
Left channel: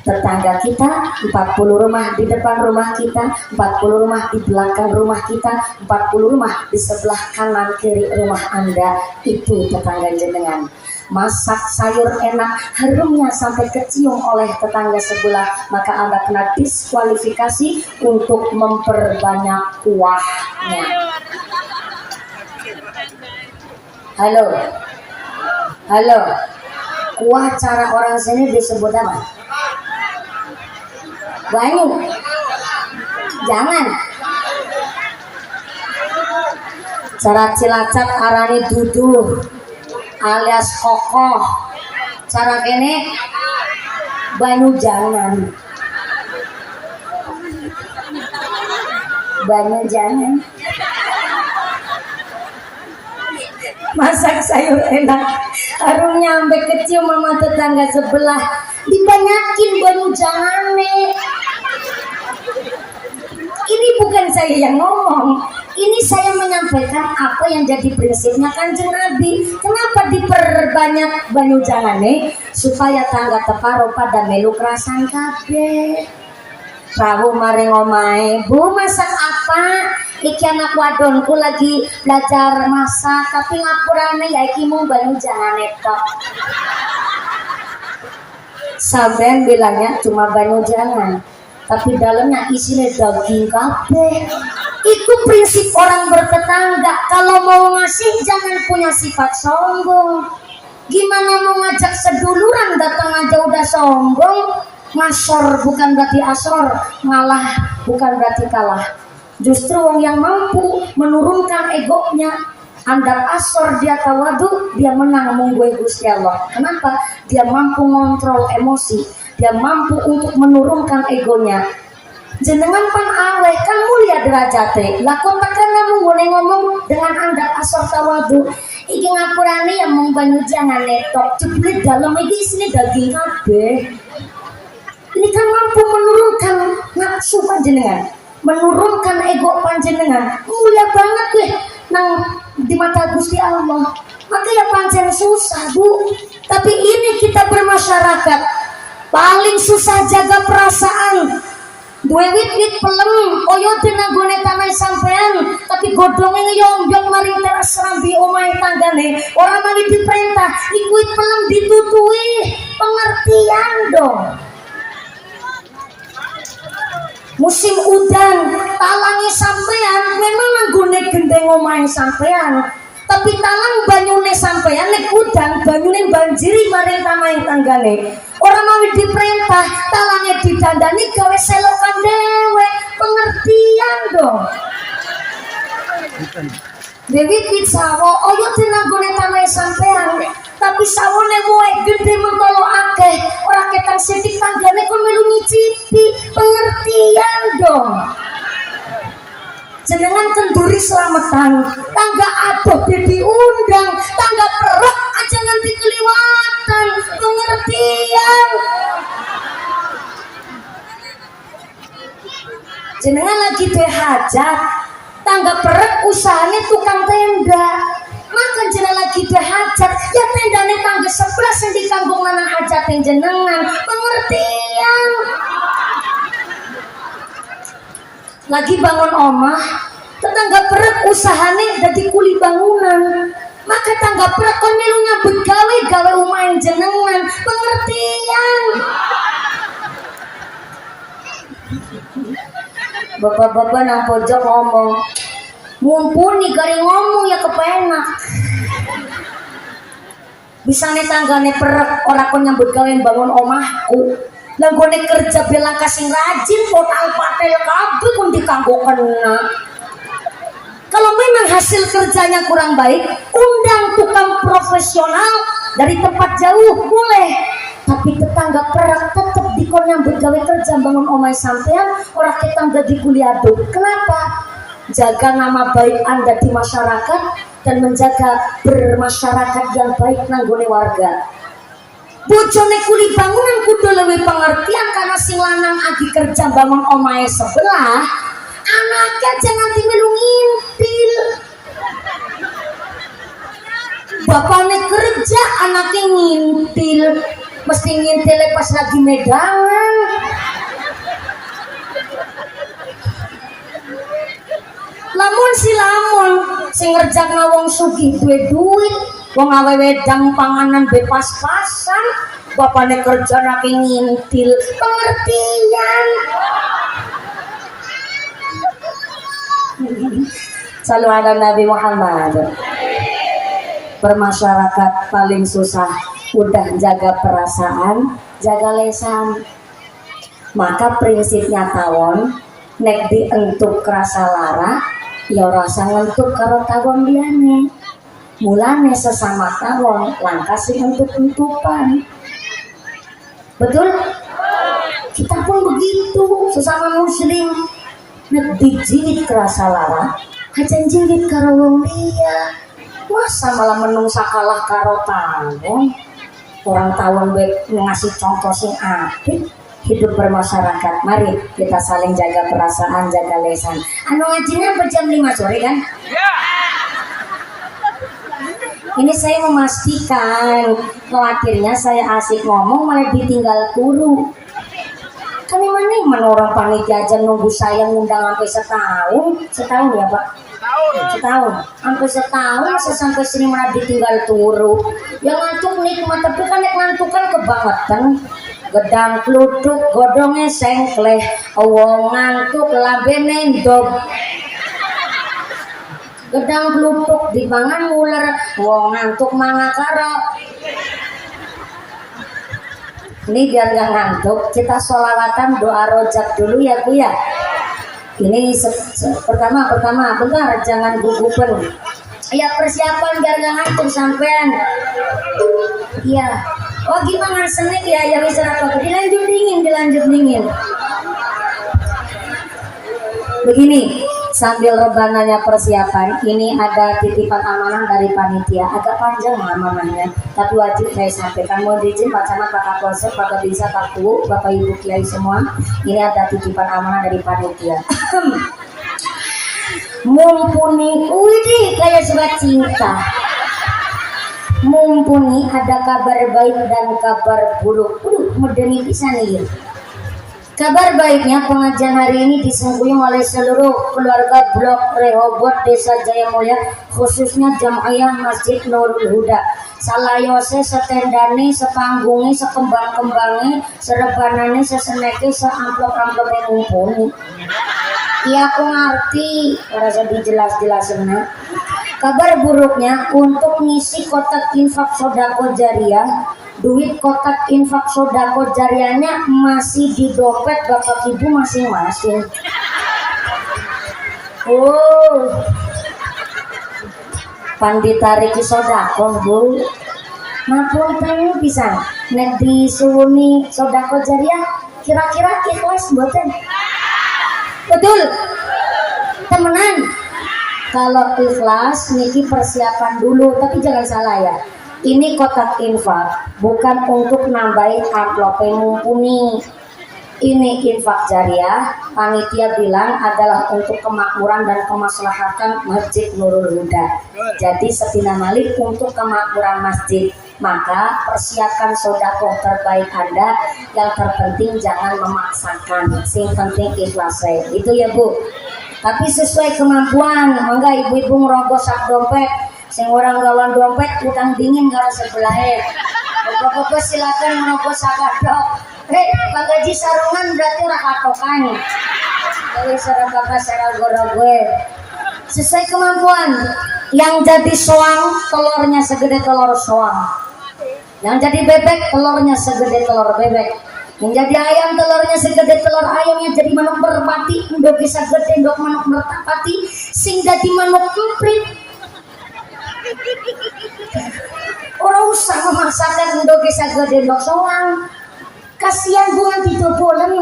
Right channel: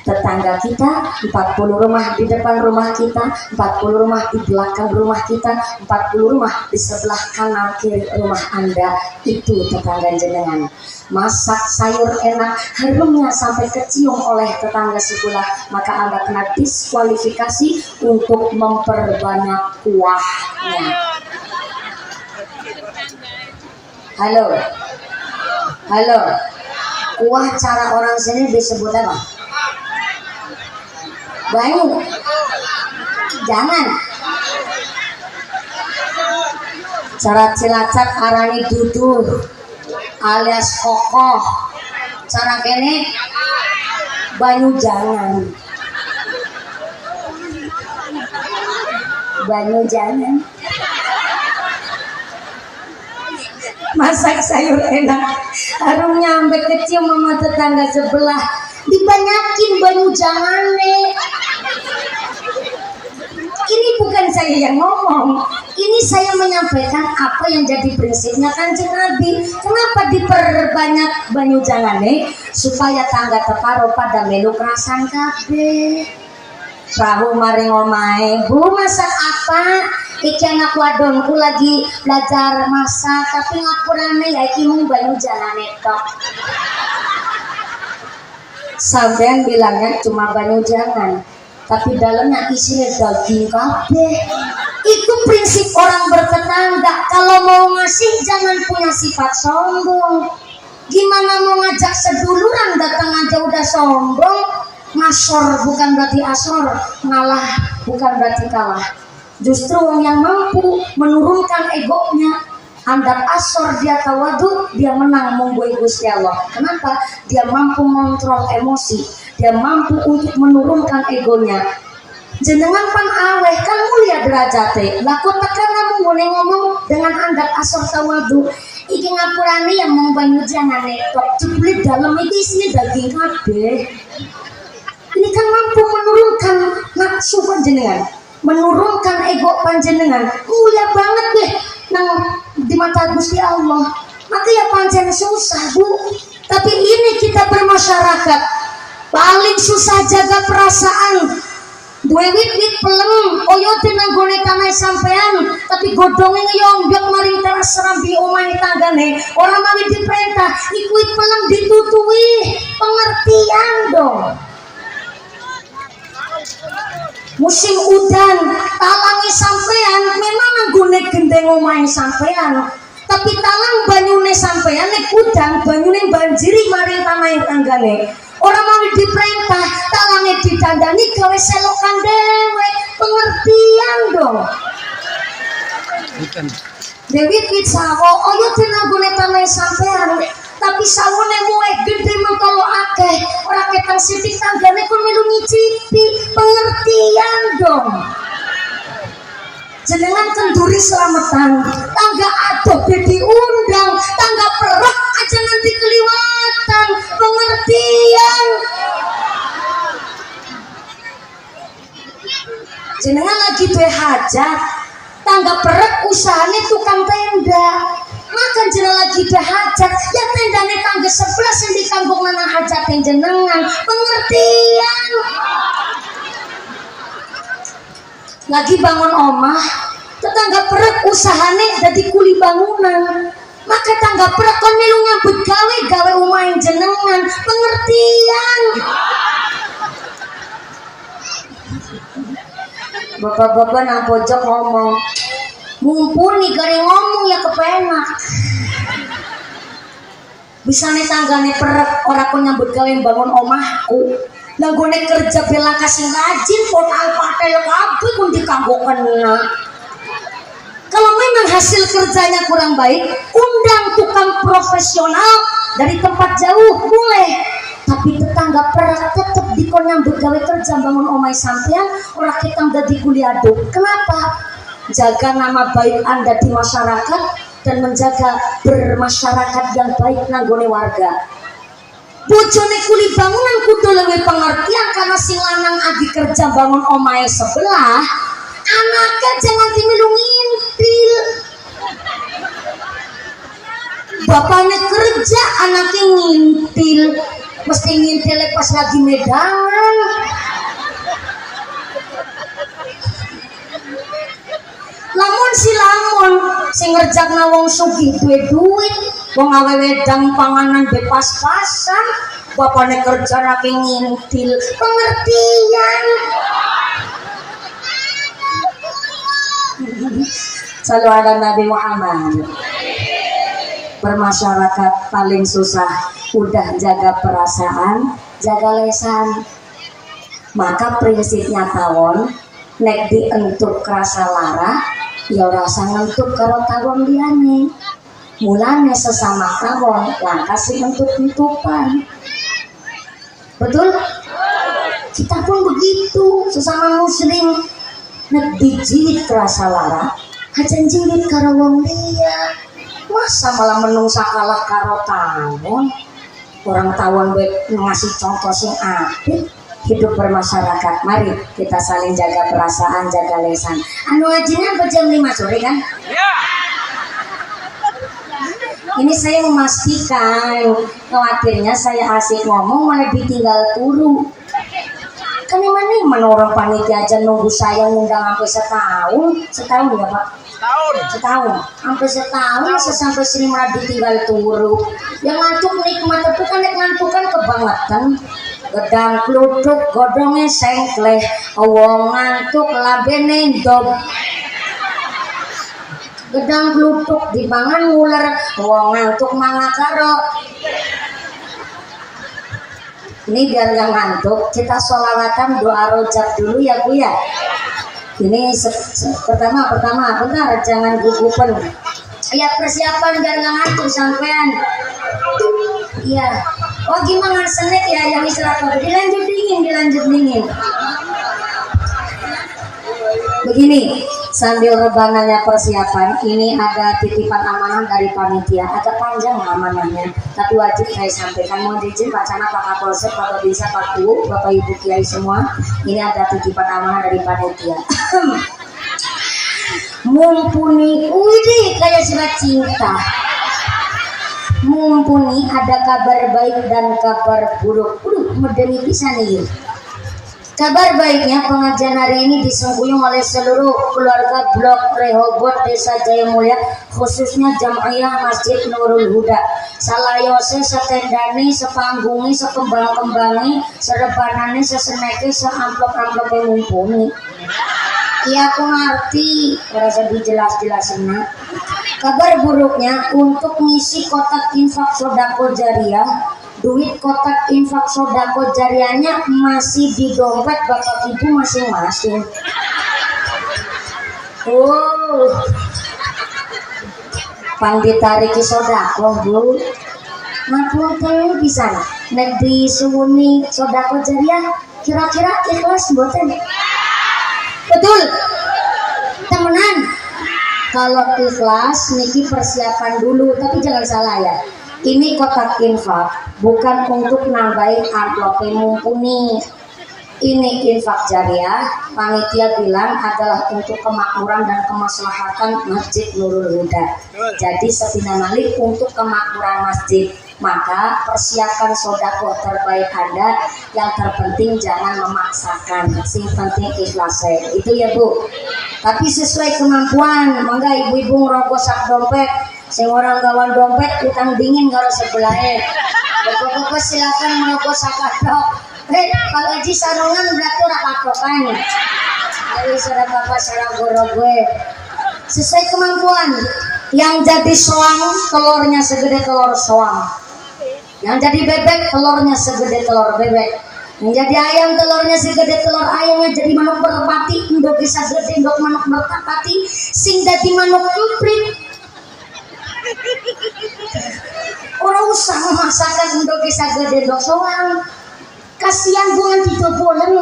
Tetangga kita 40 rumah di depan rumah kita, 40 rumah di belakang rumah kita, 40 rumah di sebelah kanan kiri rumah Anda. Itu tetangga jenengan. Masak sayur enak, harumnya sampai kecium oleh tetangga sebelah, maka Anda kena diskualifikasi untuk memperbanyak kuahnya. Halo. Halo. Kuah cara orang sini disebut apa? Banyu. Jangan. Cara Cilacap arani duduh alias kokoh. Cara kene banyu jangan. Banyu jangan. Masak sayur enak, harumnya sampai kecium mama tetangga sebelah. Dibanyakin banyu jangan nih. Ini bukan saya yang ngomong, ini saya menyampaikan apa yang jadi prinsipnya Kanjeng Nabi. Kenapa diperbanyak banyu jangan nih? Supaya tangga teparo pada melu kerasan kabeh. Prabu mari ngomahe, Bu masak apa? Iki anak wadonku lagi belajar masak, tapi ngapurane ya iki mung banyu jangan tok. Sampean bilangnya cuma banyu jangan, tapi dalamnya isinya daging kabeh. Itu prinsip orang bertetangga. Kalau mau ngasih jangan punya sifat sombong. Gimana mau ngajak seduluran datang aja udah sombong? Ngasor bukan berarti asor, malah bukan berarti kalah. Justru orang yang mampu menurunkan egonya, andap asor dia tawadu, dia menang menggui Gusti Allah. Kenapa? Dia mampu mengontrol emosi, dia mampu untuk menurunkan egonya. Jenengan pan aweh kan mulia derajate. Laku tekan kamu ngomong dengan andap asor tawadu. Iki ngapurane yang mau banyu jangan netok. Jebule dalam iki isine daging kabeh. Ini kan mampu menurunkan nafsu panjenengan, menurunkan ego panjenengan. Mulia banget weh nang di mata Gusti Allah. Maka ya pancen susah, Bu. Tapi ini kita bermasyarakat paling susah jaga perasaan. Dua wit pelem, oyo tenagone tanah sampean, tapi godongnya ngeyongyok maring teras serambi omahe tanggane. Orang mari diperintah, ikuit pelem ditutui, pengertian dong. Musim udan talangi sampean memang nanggone gendeng omahe sampean, tapi talang banyune sampean nek udan banyune banjiri maring tanah tanggane. Orang mau diperintah talangnya didandani gawe selokan dewe, pengertian dong. Dewi kit sawo oyo tenagone tanah sampean, tapi sawone moe gede mentolo akeh, ora ketang sithik tanggane kon melu nyicipi, pengertian dong. Jenengan kenduri selamatan, tangga adoh diundang, tangga perok aja nanti keliwatan, pengertian. Jenengan lagi hajat, tangga perok usahanya tukang tenda. Maka jenengan lagi hajat, ya tendane tangga sebelah yang dikanggung nana hajat jenengan, pengertian. Lagi bangun omah, tetangga perek usahane dadi kuli bangunan. Maka tangga perek kon melu nyambut gawe omahe jenengan, pengertian. Bapak-bapak nang pojok ngomong, mumpuni kari ngomong ya kepenak. Bisa nih tanggane perek ora kon nyambut gawe bangun omahku. Langgone kerja bela kasih rajin total patel kabeh pun dikanggo kena. Kalau memang hasil kerjanya kurang baik, undang tukang profesional dari tempat jauh boleh. Tapi tetangga perak tetap dikon nyambut gawe kerja bangun omai sampean ora ketang dadi kuliado. Kenapa? Jaga nama baik Anda di masyarakat dan menjaga bermasyarakat yang baik nanggone warga. Bojone kuli bangunan kudu lebih pengertian karena sing lanang adi kerja bangun omahe sebelah, anaknya jangan timelu ngintil. Bapaknya kerja, anaknya ngintil, mesti ngintil pas lagi medangan. Lamun si lamun sing ngerjakna wong sugih duwe duit, wong awe wedang panganan bepas-pasan, bapaknya kerja rapi ngintil, pengertian. Salu ala Nabi Muhammad. bermasyarakat paling susah udah jaga perasaan, jaga lesan. Maka prinsipnya tawon nek dientuk kerasa lara ya rasa ngentuk karo tawon diane. Mulane sesama tawon langkah sing entuk-entukan. Betul? Kita pun begitu sesama muslim nek dijilid kerasa lara hajan jilid karo wong liya. Masa malah menungsa kalah karo tawon. Orang tawon ngasih contoh sing apik hidup bermasyarakat. Mari kita saling jaga perasaan, jaga lesan. Anu ngajinya jam 5 sore kan? Ini saya memastikan, khawatirnya saya asik ngomong malah ditinggal turu. Kan emang orang panitia aja nunggu saya ngundang sampai setahun ya Pak? Setahun, sampai setahun masa sampai sini malah ditinggal turu. Yang ngantuk nikmat, tapi kan yang ngantuk kan kebangetan. Gedang kluduk godongnya sengkleh, wong ngantuk labene ndop. Gedang kluduk dipangan ular, wong ngantuk mangakaro. Ini biar gak ngantuk, kita sholawatan doa rojak dulu ya Bu ya. Ini pertama, bentar jangan gugupan. Ya persiapan biar gak ngantuk sampean. Iya. Oh gimana senit ya yang istirahat dilanjut dingin. Begini, sambil rebananya persiapan, ini ada titipan amanah dari panitia. Agak panjang amanahnya, tapi wajib saya sampaikan. Mohon izin Pak Camat, Pak Kapolsek, Pak Kabinsa, Pak Tu, Bapak Ibu Kiai semua. Ini ada titipan amanah dari panitia. Mumpuni, widih kayak surat cinta. Mumpuni ada kabar baik dan kabar buruk. Medeni bisa nih. Kabar baiknya pengajian hari ini disengkuyung oleh seluruh keluarga Blok Rehobot Desa Jaya Mulia, khususnya Jamaah Masjid Nurul Huda. Salayose setendane, sepanggungi, sekembang-kembangi, serebanane, seseneke, seamplop-amplope mumpuni. Iya aku ngerti, rasa dijelas-jelasin. Kabar buruknya untuk ngisi kotak infak sodako jariah, duit kotak infak sodako jariahnya masih di dompet bapak ibu masing-masing. Oh, panditariki sodako Bu. Ngapun tahu bisa nek disuwuni sodako jariah kira-kira ikhlas mboten? Betul, temenan. Kalau ikhlas, niki persiapan dulu, tapi jangan salah ya. Ini kotak infak, bukan untuk nambahin amplop mumpuni. Ini infak jariah, panitia bilang adalah untuk kemakmuran dan kemaslahatan Masjid Nurul Huda. Jadi sepina malik untuk kemakmuran masjid. Maka persiapkan sodakoh terbaik Anda. Yang terpenting jangan memaksakan, sing penting ikhlas. Itu ya Bu. Tapi sesuai kemampuan. Mangga ibu-ibu ngerogos sak dompet, sing orang gawan dompet utang dingin karo sebelahnya. Bapak-bapak silakan ngerogos sak katok. Pak Gaji sarungan berarti ora katokan. Jadi saudara bapak saragoro gue. Sesuai kemampuan. Yang jadi soang telurnya segede telur soang. Yang jadi bebek telurnya segede telur bebek. Yang jadi ayam telurnya segede telur ayamnya. Jadi manuk merpati ndok bisa gede ndok manuk merpati. Sing dadi manuk emprit. Orang usah memaksakan ndok bisa gede ndok soang. Kasihan bukan ditobolen.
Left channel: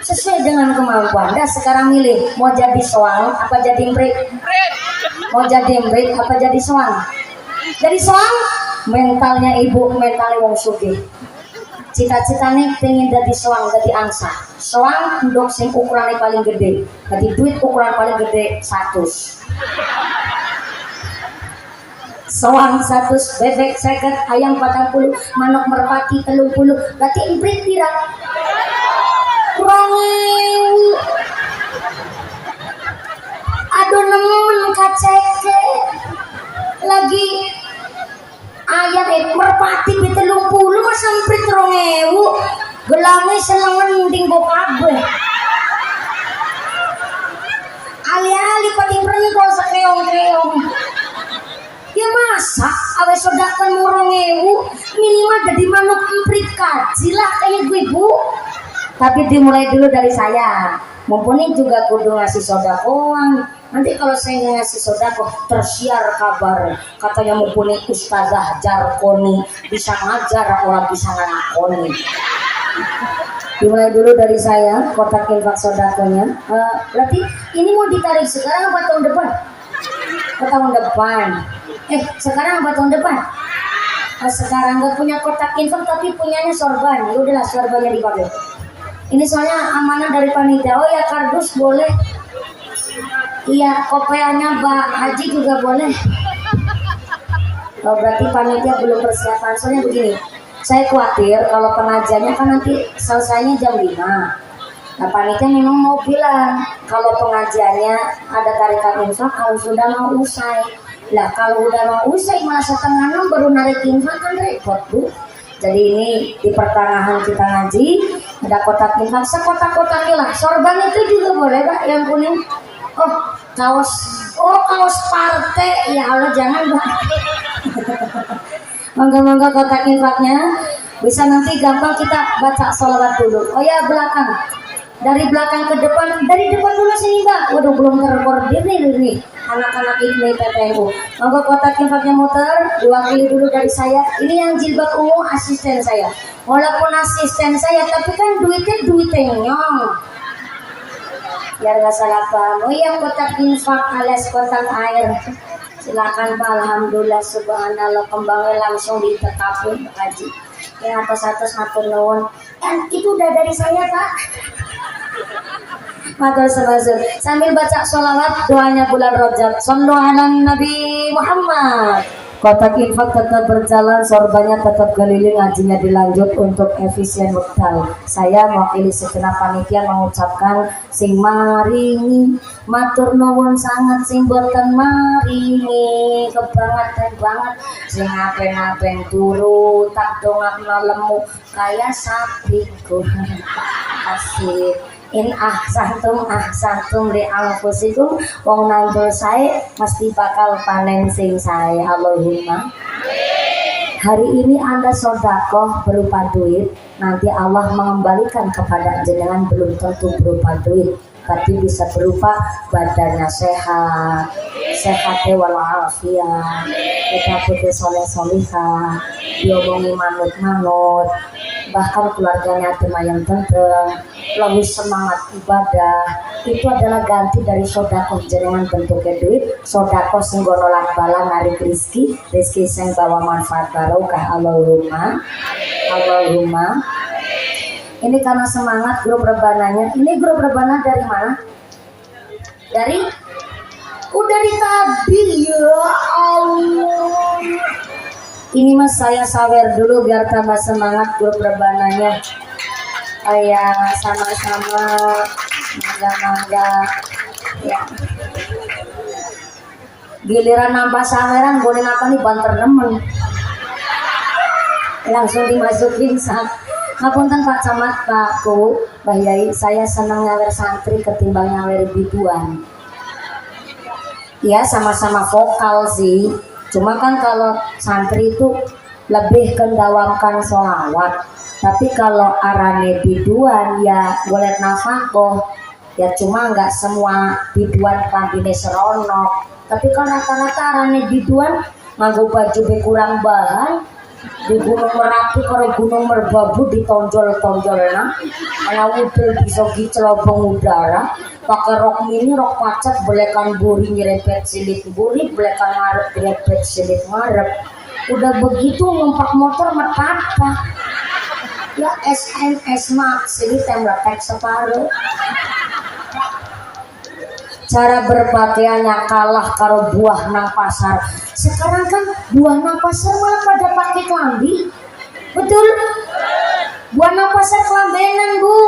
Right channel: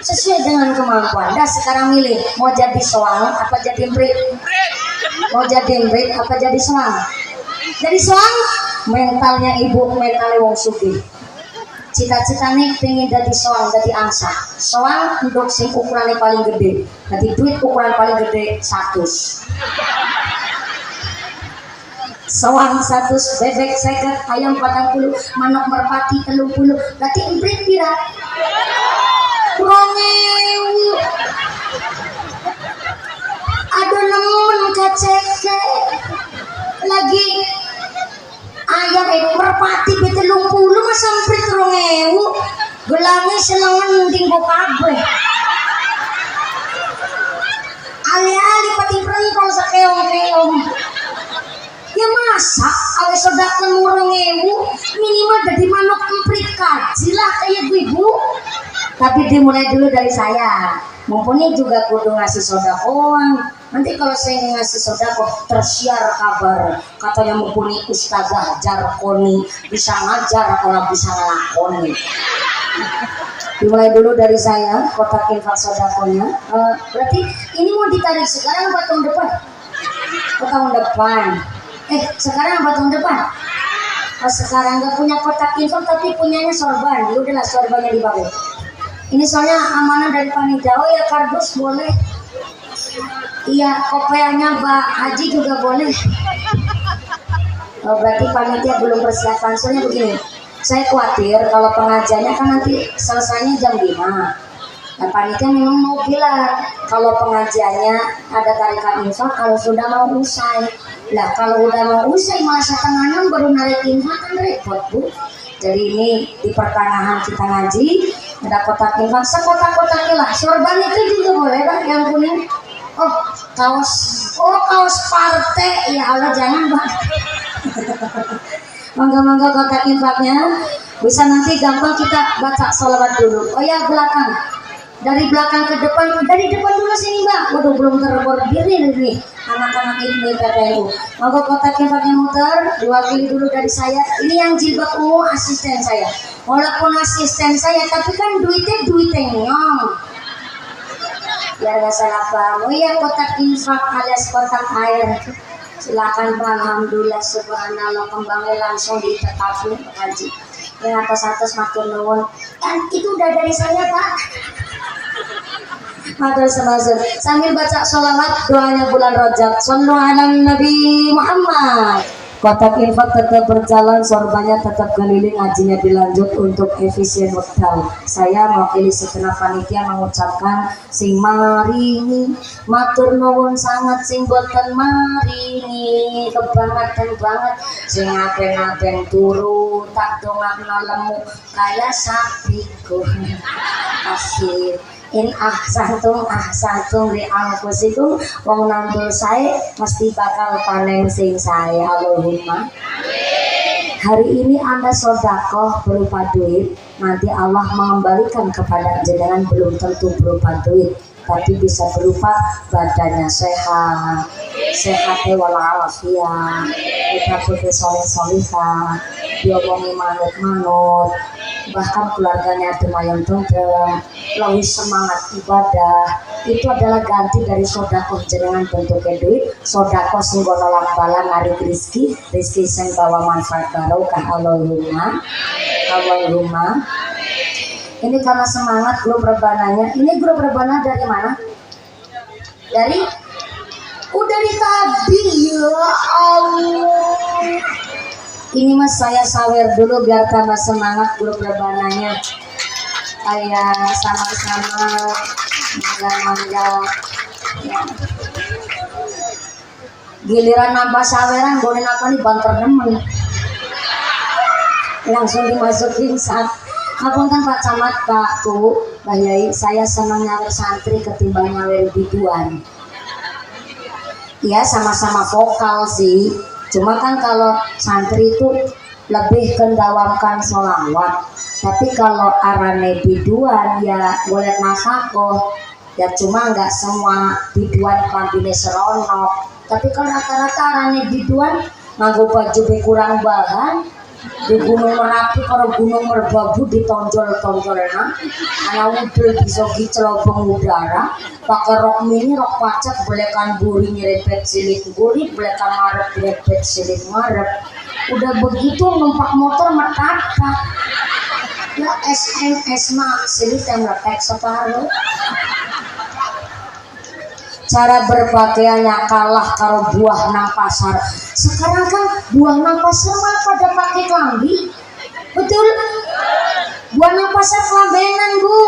Sesuai dengan kemampuan. Dah sekarang milih mau jadi soang apa jadi emprit. Mau jadi emprit apa jadi soang. Jadi soang mentalnya ibu, mentalnya wong sugih. Cita-citanya pengen jadi soang, jadi angsa. Soang ndok sing ukurannya paling gede. Jadi duit ukuran paling gede 100. Soang 100, bebek 50, ayam 40, manuk merpati 30. Berarti emprit pira? Kurang aduh nemen kaceke lagi ayam merpati B30 masa emprit 2000 gelangnya selengen tinggo kabeh ali-ali pati prentol sakeong-keong ya masa mah jadi manuk emprit kaji lah kayak ibu. Tapi dimulai dulu dari saya. Mumpuni juga kudu ngasih sodakoan. Nanti kalau saya ngasih sodako tersiar kabar katanya mumpuni Ustazah Jarkoni bisa ngajar orang bisa ngelakoni. Dimulai dulu dari saya kotak infak sodakonya. Berarti ini mau ditarik sekarang apa tahun depan? Tahun depan. Sekarang apa tahun depan? Sekarang nggak punya kotak infak tapi punyanya sorban. Ya udahlah sorbannya dipakai. Ini soalnya amanah dari panitia. Oh ya kardus boleh. Iya kopiahnya Mbak Haji juga boleh. Berarti panitia belum persiapan. Soalnya begini, saya khawatir kalau pengajiannya kan nanti selesainya jam 5. Nah panitia memang mau bilang kalau pengajiannya ada tarikan infak kalau sudah mau usai. Lah kalau udah mau usai malah setengah 6 baru narik infak kan repot Bu. Jadi ini di pertengahan kita ngaji ada kotak infak sekotak-kotaknya lah. Sorban itu juga boleh Pak yang kuning. Kaos partai ya Allah jangan Pak. Monggo kotak infaknya bisa nanti gampang kita baca sholawat dulu. Oh ya belakang. Dari belakang ke depan, dari depan dulu sini Mbak. Waduh belum terkoordinir nih anak-anak ini PPNU. Monggo kotak infaknya muter, diwakili dulu dari saya. Ini yang jilbab ungu asisten saya. Walaupun asisten saya, tapi kan duitnya nyong. Biar gak salah paham. Oh iya kotak infak alias kotak air. Silakan Pak. Alhamdulillah subhanallah kembangnya langsung ditetapin Pak Haji. Yang atas matur nuwun. Dan itu udah dari saya Pak. Matur semazur. Sambil baca sholawat doanya bulan Rajab. Shallu ala Nabi Muhammad. Kotak infak tetap berjalan, sorbannya tetap keliling, ngajinya dilanjut untuk efisien waktu. Saya mewakili segenap panitia mengucapkan sing maringi matur nuwun sangat sing boten maringi kebangetan banget sing apen-apen turu tak dongakno lemu kaya sapiku. Kasih in ahsantum li anfusikum wong nandul sae mesti bakal panen sing sae. Allahumma hari ini Anda sodakoh berupa duit, nanti Allah mengembalikan kepada jenengan belum tentu berupa duit, tapi bisa berupa badannya sehat walafiat, kita putih soleh-solihah, diomongi manut-manut, bahkan keluarganya yang tentrem, lebih semangat ibadah. Itu adalah ganti dari sodakoh jenengan bentuknya duit. Sodakoh sing nolak bala narik rizki sing bawa manfaat barokah. Allahumma ini karena semangat grup rebananya. Ini grup rebana dari mana? Dari tadi ya Allah. Ini mas saya sawer dulu biar tambah semangat grup rebananya. Ayah sama-sama mangga ya. Giliran nambah saweran boleh apa nih banter nemen langsung dimasukin sak. Ngapunten Pak Camat, Pak Tu, Mbah Yai, saya senang nyawer santri ketimbang nyawer biduan. Ya sama-sama vokal sih, cuma kan kalau santri itu lebih kendawamkan sholawat. Tapi kalau arane biduan ya boleh nafakoh. Ya cuma nggak semua biduan pandine seronok. Tapi kan rata-rata arane biduan nganggo baju be kurang bahan. Di Gunung Merapi kalau Gunung Merbabu ditonjol-tonjolna. Ana udel bisa celobong udara. Pakai rok mini, rok pacak, belekan buri nyerepet silik buri, belekan marep nyerepet silik marep. Udah begitu numpak motor metapak. Ya SMS mak sini temlepek separuh. Cara berpakaiannya kalah karo buah nang pasar. Sekarang kan buah nang pasar malah pada pakai kelambi. Betul? Buah nang pasar kelambenan Bu.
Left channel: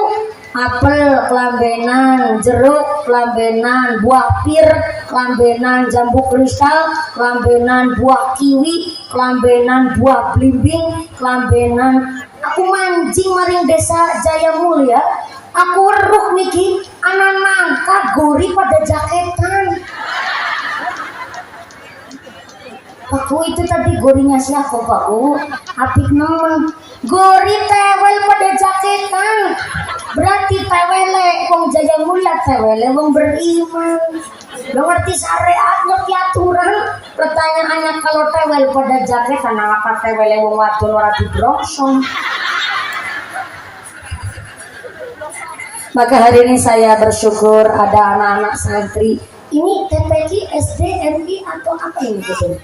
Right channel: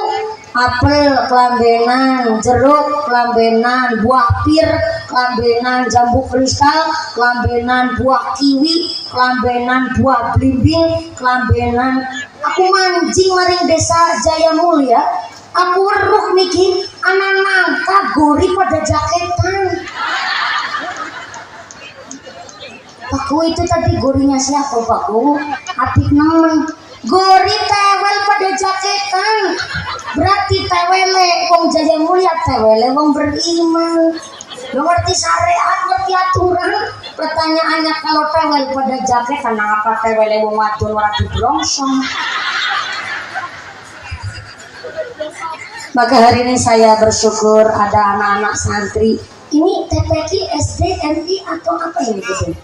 Apel kelambenan, jeruk kelambenan, buah pir kelambenan, jambu kristal kelambenan, buah kiwi kelambenan, buah blimbing kelambenan. Aku mancing maring desa Jaya Mulia. Aku weruh niki anak nangka gori pada jaketan. Pakku itu tadi gorinya siapa Pakku? Apik naon? Gori tewel pada jaketan. Berarti tewele wong Jaya Mulia tewele wong beriman. Lo ngerti syariat, ngerti aturan. Pertanyaannya kalau tewel pada jaketan apa tewele wong wadon ora dibrongsong? Maka hari ini saya bersyukur ada anak-anak santri. Ini TPQ, SD, MI atau apa ini betul?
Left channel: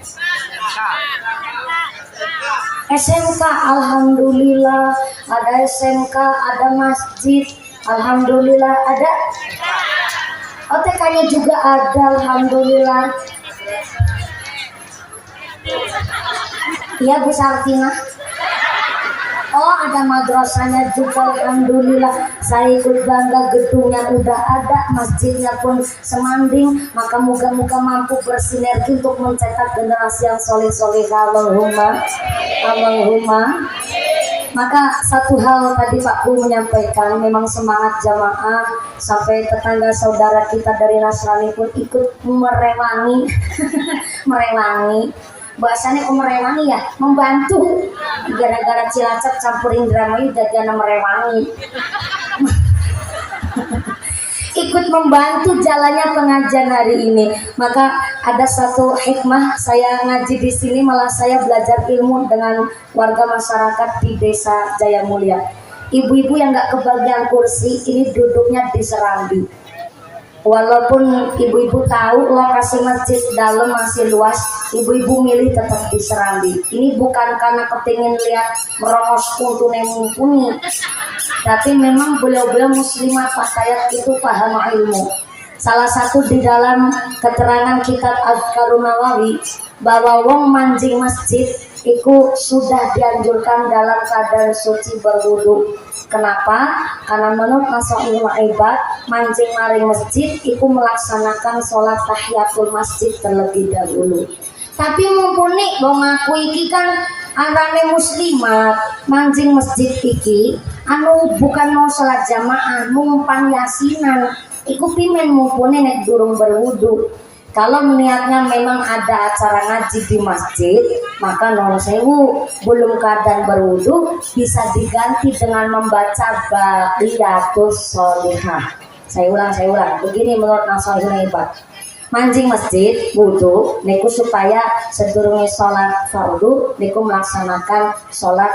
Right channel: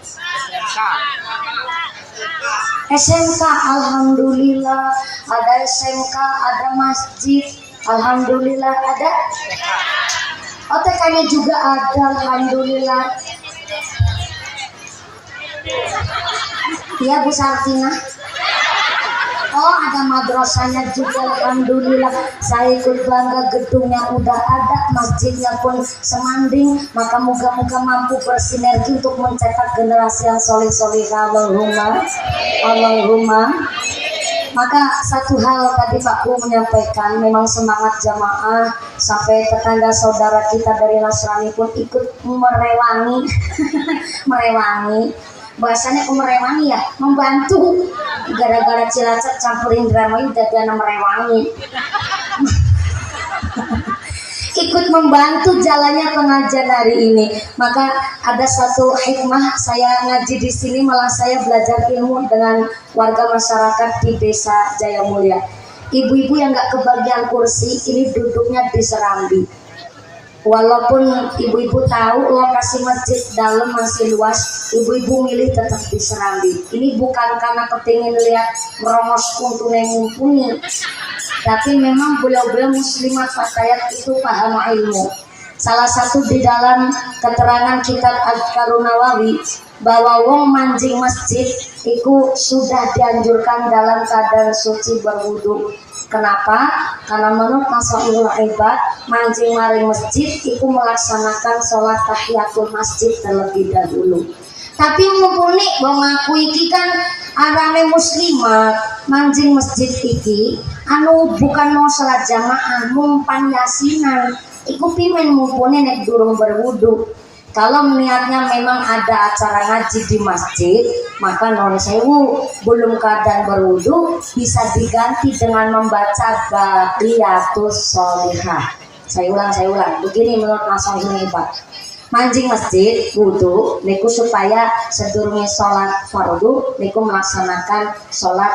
SMK, alhamdulillah. Ada SMK, ada masjid, alhamdulillah. Ada OTK-nya juga ada, alhamdulillah. Iya Bu Sartina. Oh ada madrasahnya juga, alhamdulillah. Saya ikut bangga, gedungnya udah ada, masjidnya pun semanding. Maka moga-moga mampu bersinergi untuk mencetak generasi yang soleh-soleh. Allahumma, Allahumma. Maka satu hal tadi Pak Ku menyampaikan, memang semangat jamaah sampai tetangga saudara kita dari Nasrani pun ikut merewangi, merewangi. Bahasanya merewangi ya, membantu. Gara-gara Cilacap campurin drama itu jadi anak merewangi. Ikut membantu jalannya pengajian hari ini. Maka ada satu hikmah saya ngaji di sini, malah saya belajar ilmu dengan warga masyarakat di Desa Jaya Mulia. Ibu-ibu yang nggak kebagian kursi ini duduknya di serambi. Walaupun ibu-ibu tahu lokasi masjid dalam masih luas, ibu-ibu milih tetap di serambi. Ini bukan karena kepingin lihat merongos kuntune mumpuni, tapi memang beliau-beliau muslimat fatayat itu paham ilmu. Salah satu di dalam keterangan kitab Adhkarun Nawawi bahwa wong mancing masjid itu sudah dianjurkan dalam keadaan suci berwudu. Kenapa? Karena menurut Masailul Ibad, mancing maring masjid itu melaksanakan sholat tahiyatul masjid terlebih dahulu. Tapi mumpuni bang aku iki kan arane muslimat mancing masjid iki anu bukan mau sholat jamaah, mumpan yasinan. Iku pimen mumpuni nek durung berwudu. Kalau niatnya memang ada acara ngaji di masjid, maka non sewu belum keadaan berwudu bisa diganti dengan membaca Baqiyatus Sholihah. Saya ulang. Begini menurut Nasaihul Ibad. Mancing masjid wudu niku supaya sedurunge sholat fardu niku melaksanakan sholat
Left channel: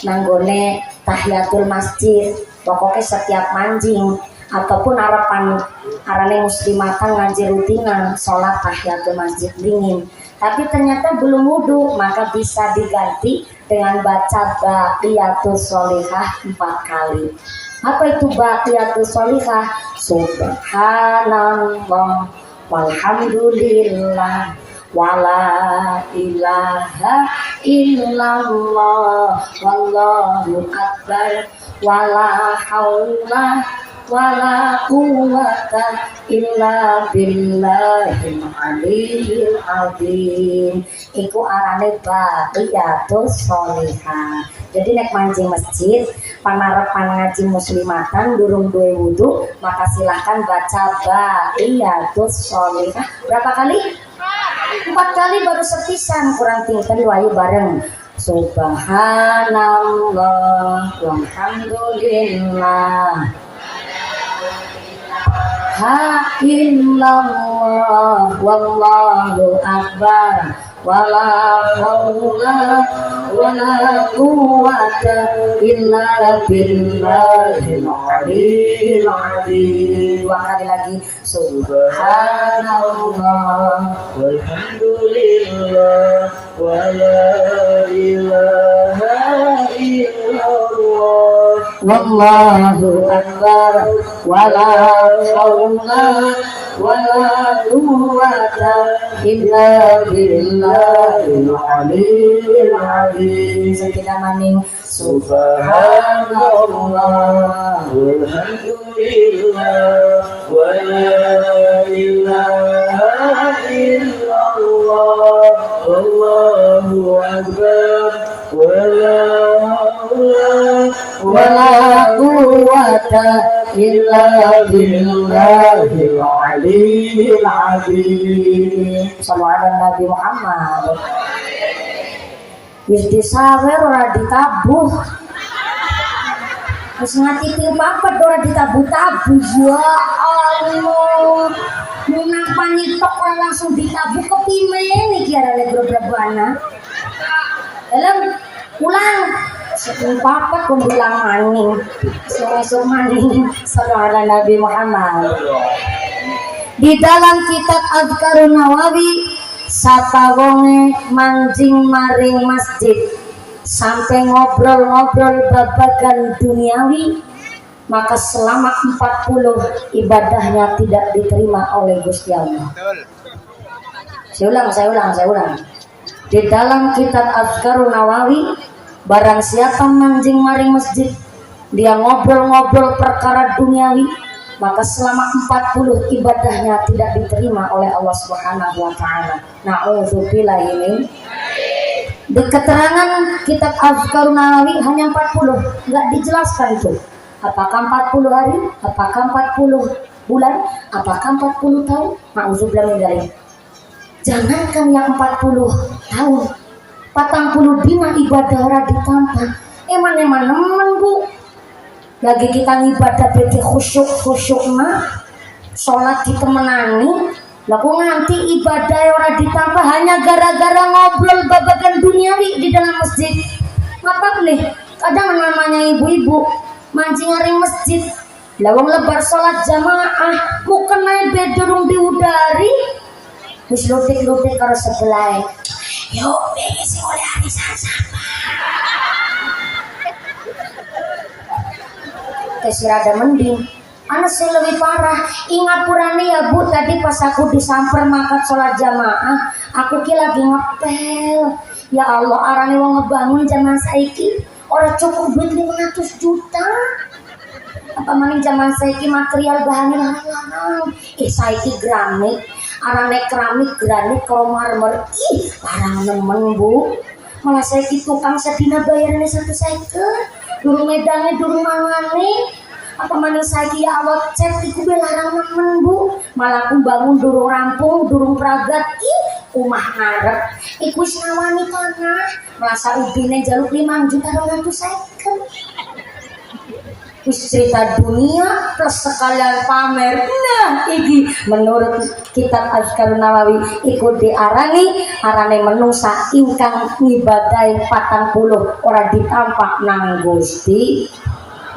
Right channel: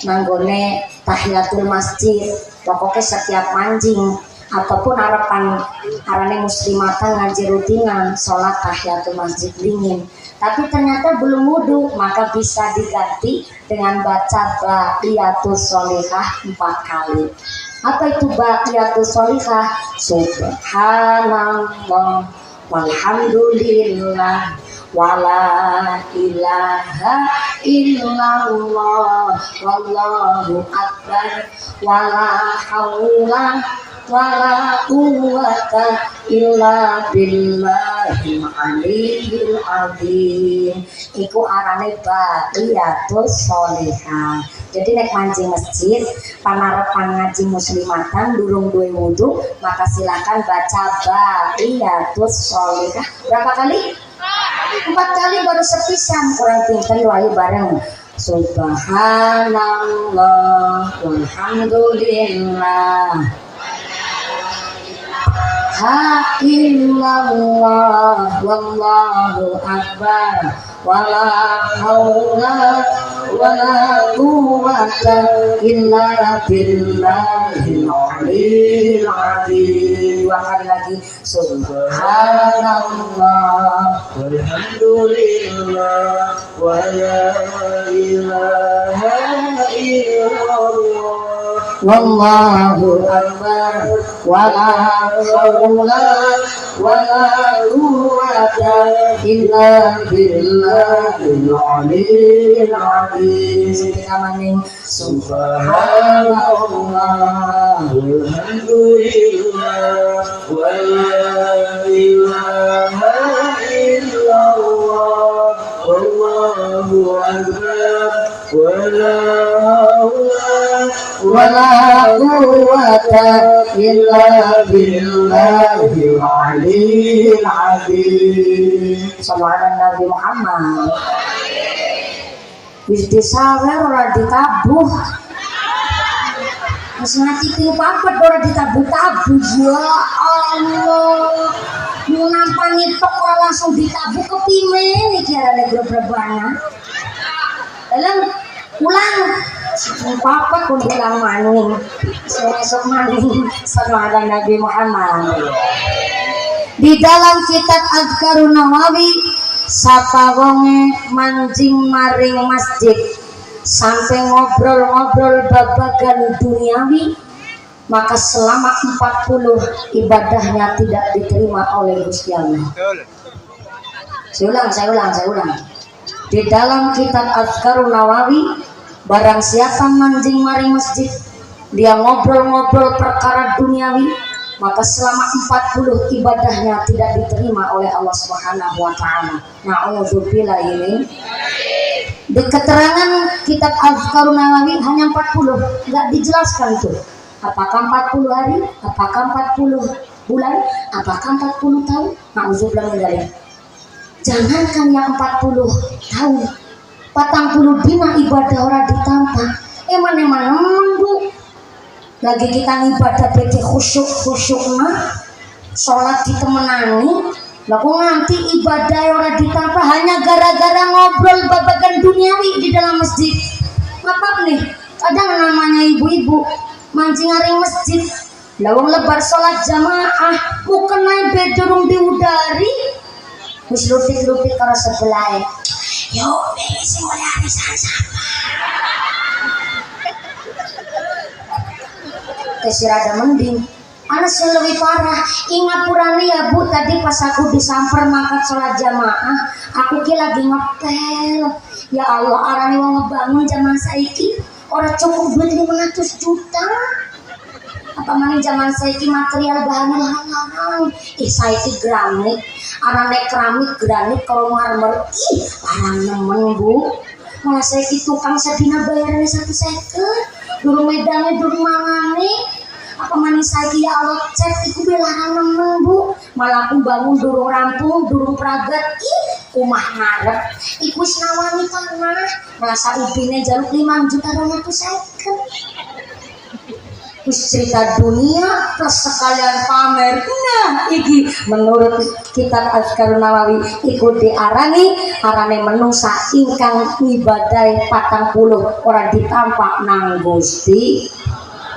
nanggone tahiyatul masjid. Pokoknya setiap mancing ataupun harapan arane muslimatan ngaji rutinan sholat tahiyatul masjid dingin, tapi ternyata belum wudu, maka bisa diganti dengan baca Baqiyatus Sholihah 4 kali. Apa itu Baqiyatus Sholihah? Subhanallah walhamdulillah wala ilaha illallah wallahu akbar wala haula wala quwwata illa billahil aliyil azim. Iku arane Baqiyatus Sholihah. Jadi nek mancing masjid panarepan ngaji muslimatan durung duwe wudu, maka silahkan baca Baqiyatus Sholihah. Berapa kali? 4 kali baru sepisan, kurang pinten wae bareng. Subhanallah walhamdulillah ha illallah wallahu akbar wala haula wala quwwata illa billahil aliyil azim. 2 kali lagi. Subhanallah walhamdulillah wala ilaha illallah wallahu akbar wala haula wala quwwata illa billahil aliyil azim. Kita maning subhanallah walhamdulillah wala ilaha illallah wallahu akbar wala wala quwwata illa billahil aliyil azim. Sallallahu Nabi Muhammad. Wis disawer ora ditabuh. Wis ngati ping papat ora ditabuh-tabuh. Ya Allah. Menapa nitok ora langsung ditabuh kepimen iki arane grobrebana. Elem ulang. Sepuluh papat pun bilang maning. Esok maning. Sallallahu Nabi Muhammad. Di dalam kitab Adhkarun Nawawi sapawonge mancing maring masjid sampai ngobrol-ngobrol babagan duniawi, maka selama 40 ibadahnya tidak diterima oleh Gusti Allah. Saya ulang. Di dalam kitab Adhkarun Nawawi, barang siapa mancing maring masjid, dia ngobrol-ngobrol perkara duniawi, maka selama 40 ibadahnya tidak diterima oleh Allah Subhanahu wa taala. Nauzubillahi min. Di keterangan kitab Adhkarun Nawawi hanya 40, enggak dijelaskan itu. Apakah 40 hari, apakah 40 bulan, apakah 40 tahun? Nauzubillahi min dzalik. Jangankan yang 40 tahun, 40 dina ibadah ora ditampa. Eman Bu. Lagi kita ibadah bete khusyuk-khusyukna, sholat ditemenani, laku nganti ibadah ora ditambah hanya gara-gara ngobrol babagan duniawi di dalam masjid. Apa nih? Kadang namanya ibu-ibu mancing hari masjid, lawang lebar sholat jamaah, bukan naik bedroom diudari, wis lutik-lutik karo sebelah. Yuk, bengi oleh arisan sama. Kesirada mending anak sih lebih parah. Ingat purani ya Bu, tadi pas aku disamper mangkat sholat jamaah, aku ki lagi ngepel. Ya Allah, arane wong ngebangun zaman saiki ora cukup duit 500 juta. Apa maning zaman saiki material bahannya larang-larang. Saiki granit, arane keramik granit kalau marmer, larang nemen Bu. Malah saiki tukang sedina bayarannya 150. Durung medangnya, durung mangane. Apa maning saiki ya Allah cek iku larang nemen Bu. Malah aku bangun durung rampung, durung pragat. Umah ngarep. Iku wis nawani tanah. Malah ubine jaluk 5.250.000. Wis cerita dunia plus sekalian pamer. Nah, iki menurut kitab Adhkarun Nawawi iku arane menungsa ingkang ngibadahi 40 ora ditampak nang Gusti.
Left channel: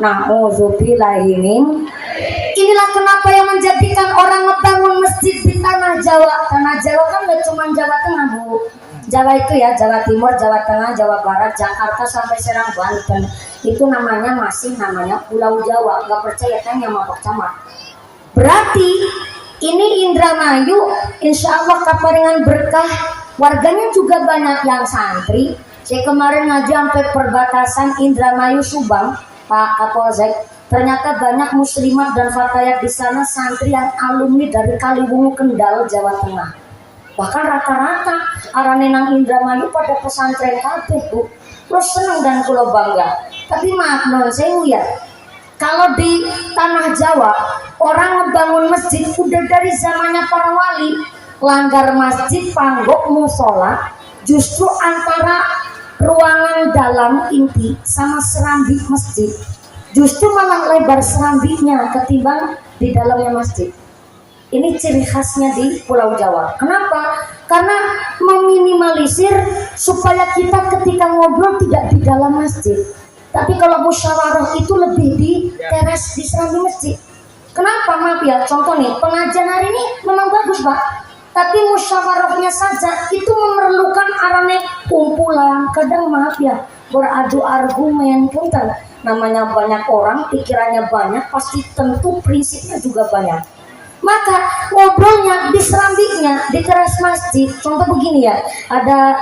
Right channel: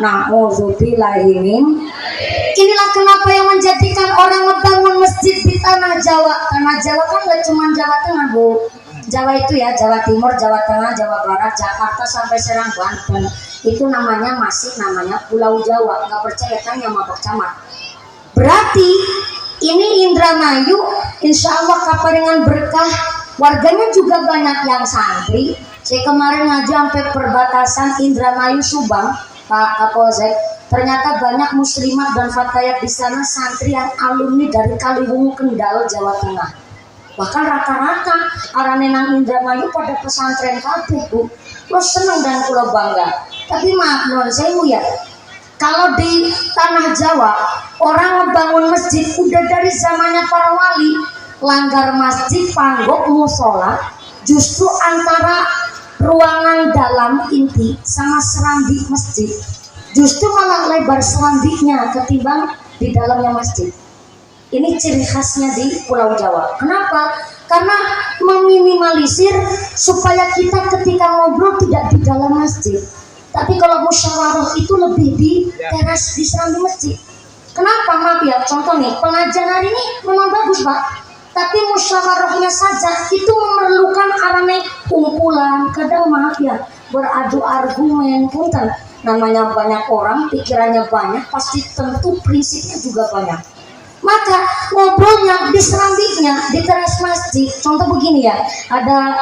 Nauzubillahi min. Inilah kenapa yang menjadikan orang ngebangun masjid di tanah Jawa. Tanah Jawa kan gak cuma Jawa Tengah Bu. Jawa itu ya Jawa Timur, Jawa Tengah, Jawa Barat, Jakarta sampai Serang, Banten. Itu namanya Pulau Jawa. Gak percaya tanya sama Pak Camat. Berarti ini Indramayu insya Allah kaparingan berkah. Warganya juga banyak yang santri. Saya kemarin ngaji sampai perbatasan Indramayu Subang, Pak Kapolsek. Ternyata banyak muslimat dan fatayat di sana santri yang alumni dari Kaliwungu, Kendal, Jawa Tengah. Bahkan rata-rata arane nang Indramayu pada pesantren kabeh Bu. Lo seneng dan kulo bangga. Tapi maaf non sewu ya. Kalau di tanah Jawa orang ngebangun masjid udah dari zamannya para wali. Langgar masjid, panggok, musola, justru antara ruangan dalam inti sama serambi masjid, justru malah lebar serambinya ketimbang di dalamnya masjid. Ini ciri khasnya di Pulau Jawa. Kenapa? Karena meminimalisir supaya kita ketika ngobrol tidak di dalam masjid. Tapi kalau musyawarah itu lebih di teras di serambi masjid. Kenapa? Maaf ya, contoh nih, pengajian hari ini memang bagus Pak. Tapi musyawarahnya saja itu memerlukan arane kumpulan. Kadang maaf ya, beradu argumen punten. Namanya banyak orang, pikirannya banyak, pasti tentu prinsipnya juga banyak. Maka ngobrolnya di serambinya, di teras masjid. Contoh begini ya, ada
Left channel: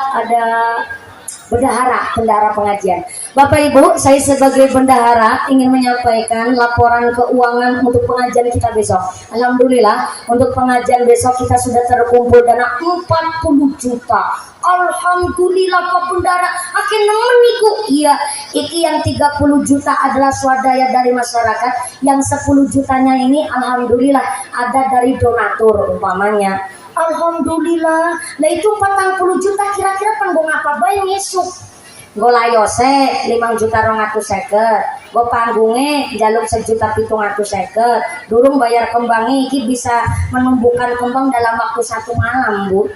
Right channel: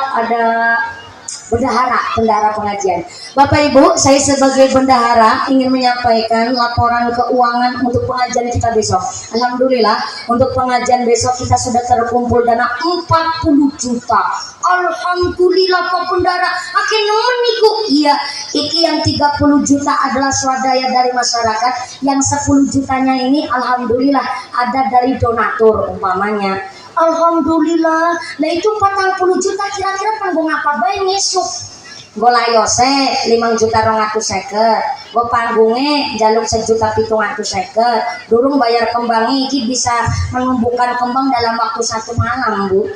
bendahara pengajian. Bapak Ibu, saya sebagai bendahara ingin menyampaikan laporan keuangan untuk pengajian kita besok. Alhamdulillah, untuk pengajian besok kita sudah terkumpul dana 40 juta. Alhamdulillah Pak Bendahara, akhir nemen niku. Iya, iki yang 30 juta adalah swadaya dari masyarakat, yang 10 jutanya ini alhamdulillah ada dari donatur umpamanya. Alhamdulillah. Nah itu 40 juta kira-kira tanggung apa bae ngisuk. Go layose 5 juta 250. Go panggunge jaluk 1.750.000. Durung bayar kembangi iki bisa menumbuhkan kembang dalam waktu 1 malam, Bu.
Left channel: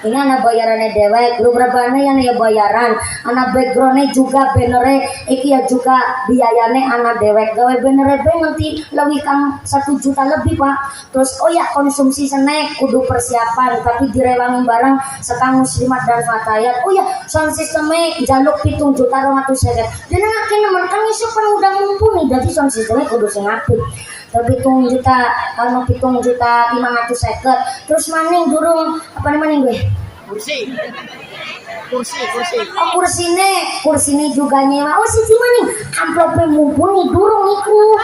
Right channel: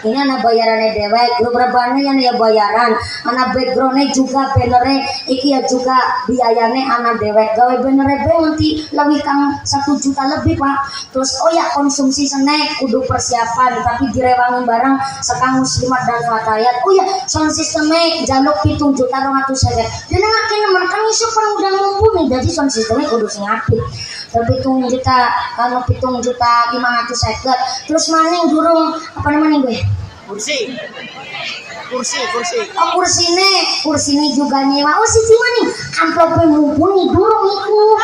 Ini anak bayarannya dewek, lu berbane yang ya bayaran, anak backgroundnya juga benernya, iki ya juga biayanya anak dewek, gawe benernya be nanti lebih kang 1 juta lebih Pak. Terus oh ya konsumsi snack kudu persiapan, tapi direwangin bareng sekang muslimat dan fatayat. Oh ya sound sistemnya jaluk 7 juta 200.000. Dia ngakin nemen kan isu kan udah mumpuni, jadi sound sistemnya kudu sing apik. Tapi 7 juta, kalau 7 juta 500.000, terus maning durung apa namanya gue? Kursi. Oh, kursi ini juga nyewa. Oh sisi maning, amplopnya mumpuni durung iku.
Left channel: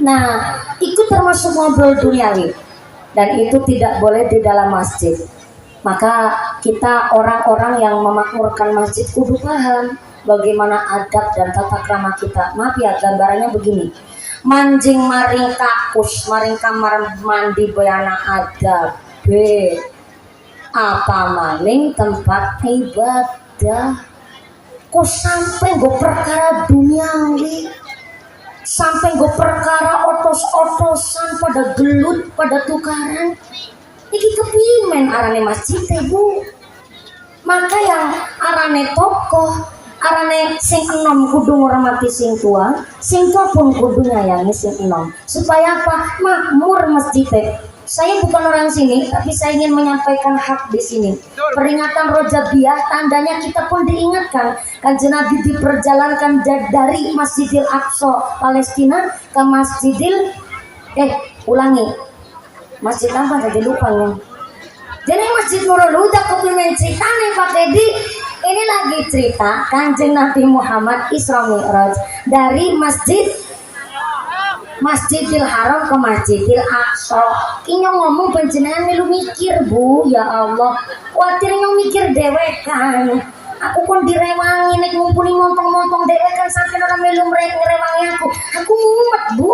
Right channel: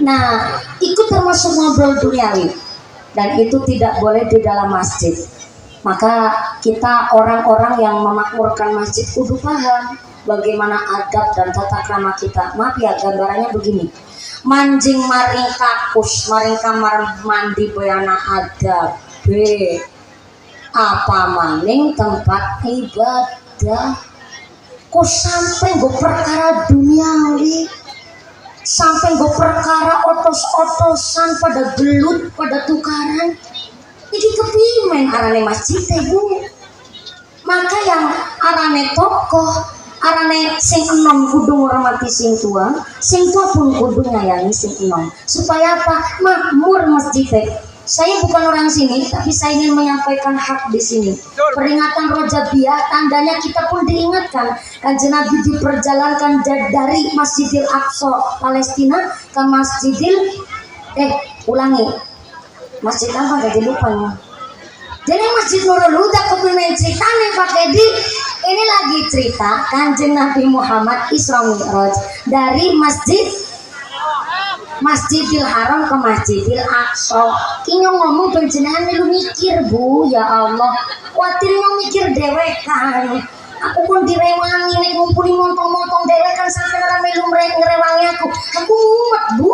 Nah, itu termasuk ngobrol duniawi dan itu tidak boleh di dalam masjid. Maka kita orang-orang yang memakmurkan masjid kudu paham bagaimana adab dan tata krama kita. Maaf ya, gambarannya begini. Manjing maring kakus, maring kamar mandi bayana adab. Apa maning tempat ibadah. Kok sampai gue perkara duniawi, sampai gue perkara otos-otosan pada gelut, pada tukaran. Iki kepimen arane masjid Bu. Maka yang arane tokoh, arane sing enom kudu ngurmati sing tua pun kudu ngayangi sing enom. Supaya apa? Makmur masjid. Saya bukan orang sini, tapi saya ingin menyampaikan hak di sini. Peringatan Rojabiyah, tandanya kita pun diingatkan. Kanjeng Nabi diperjalankan dari Masjidil Aqsa Palestina ke Masjid apa tadi lupa ya. Jadi Masjid Nurul Huda kepingin cerita nih Pak Edi. Ini lagi cerita Kanjeng Nabi Muhammad Isra Mi'raj dari Masjidil Haram ke Masjidil Aqsa. Kinyo ngomong penjenengan lu mikir Bu, ya Allah. Kuatir nyong mikir dewekan. Aku pun direwangi nek ngumpuli montong-montong dewekan sampai orang melu ngerewangi aku. Aku mumet Bu.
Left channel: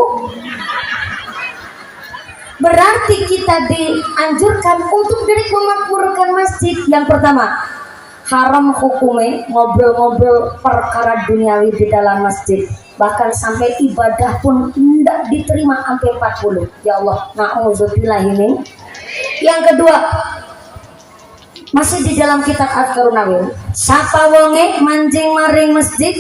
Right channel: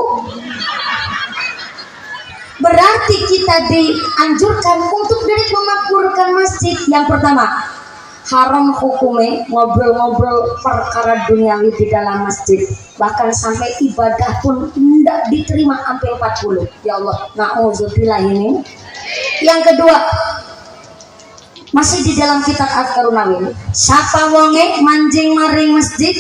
Berarti kita dianjurkan untuk dari memakmurkan masjid. Yang pertama, haram hukumnya ngobrol-ngobrol perkara duniawi di dalam masjid. Bahkan sampai ibadah pun tidak diterima sampai 40. Ya Allah, na'udzubillah ini. Yang kedua, masih di dalam kitab Al-Qarunawin. Sapa wonge manjing maring masjid,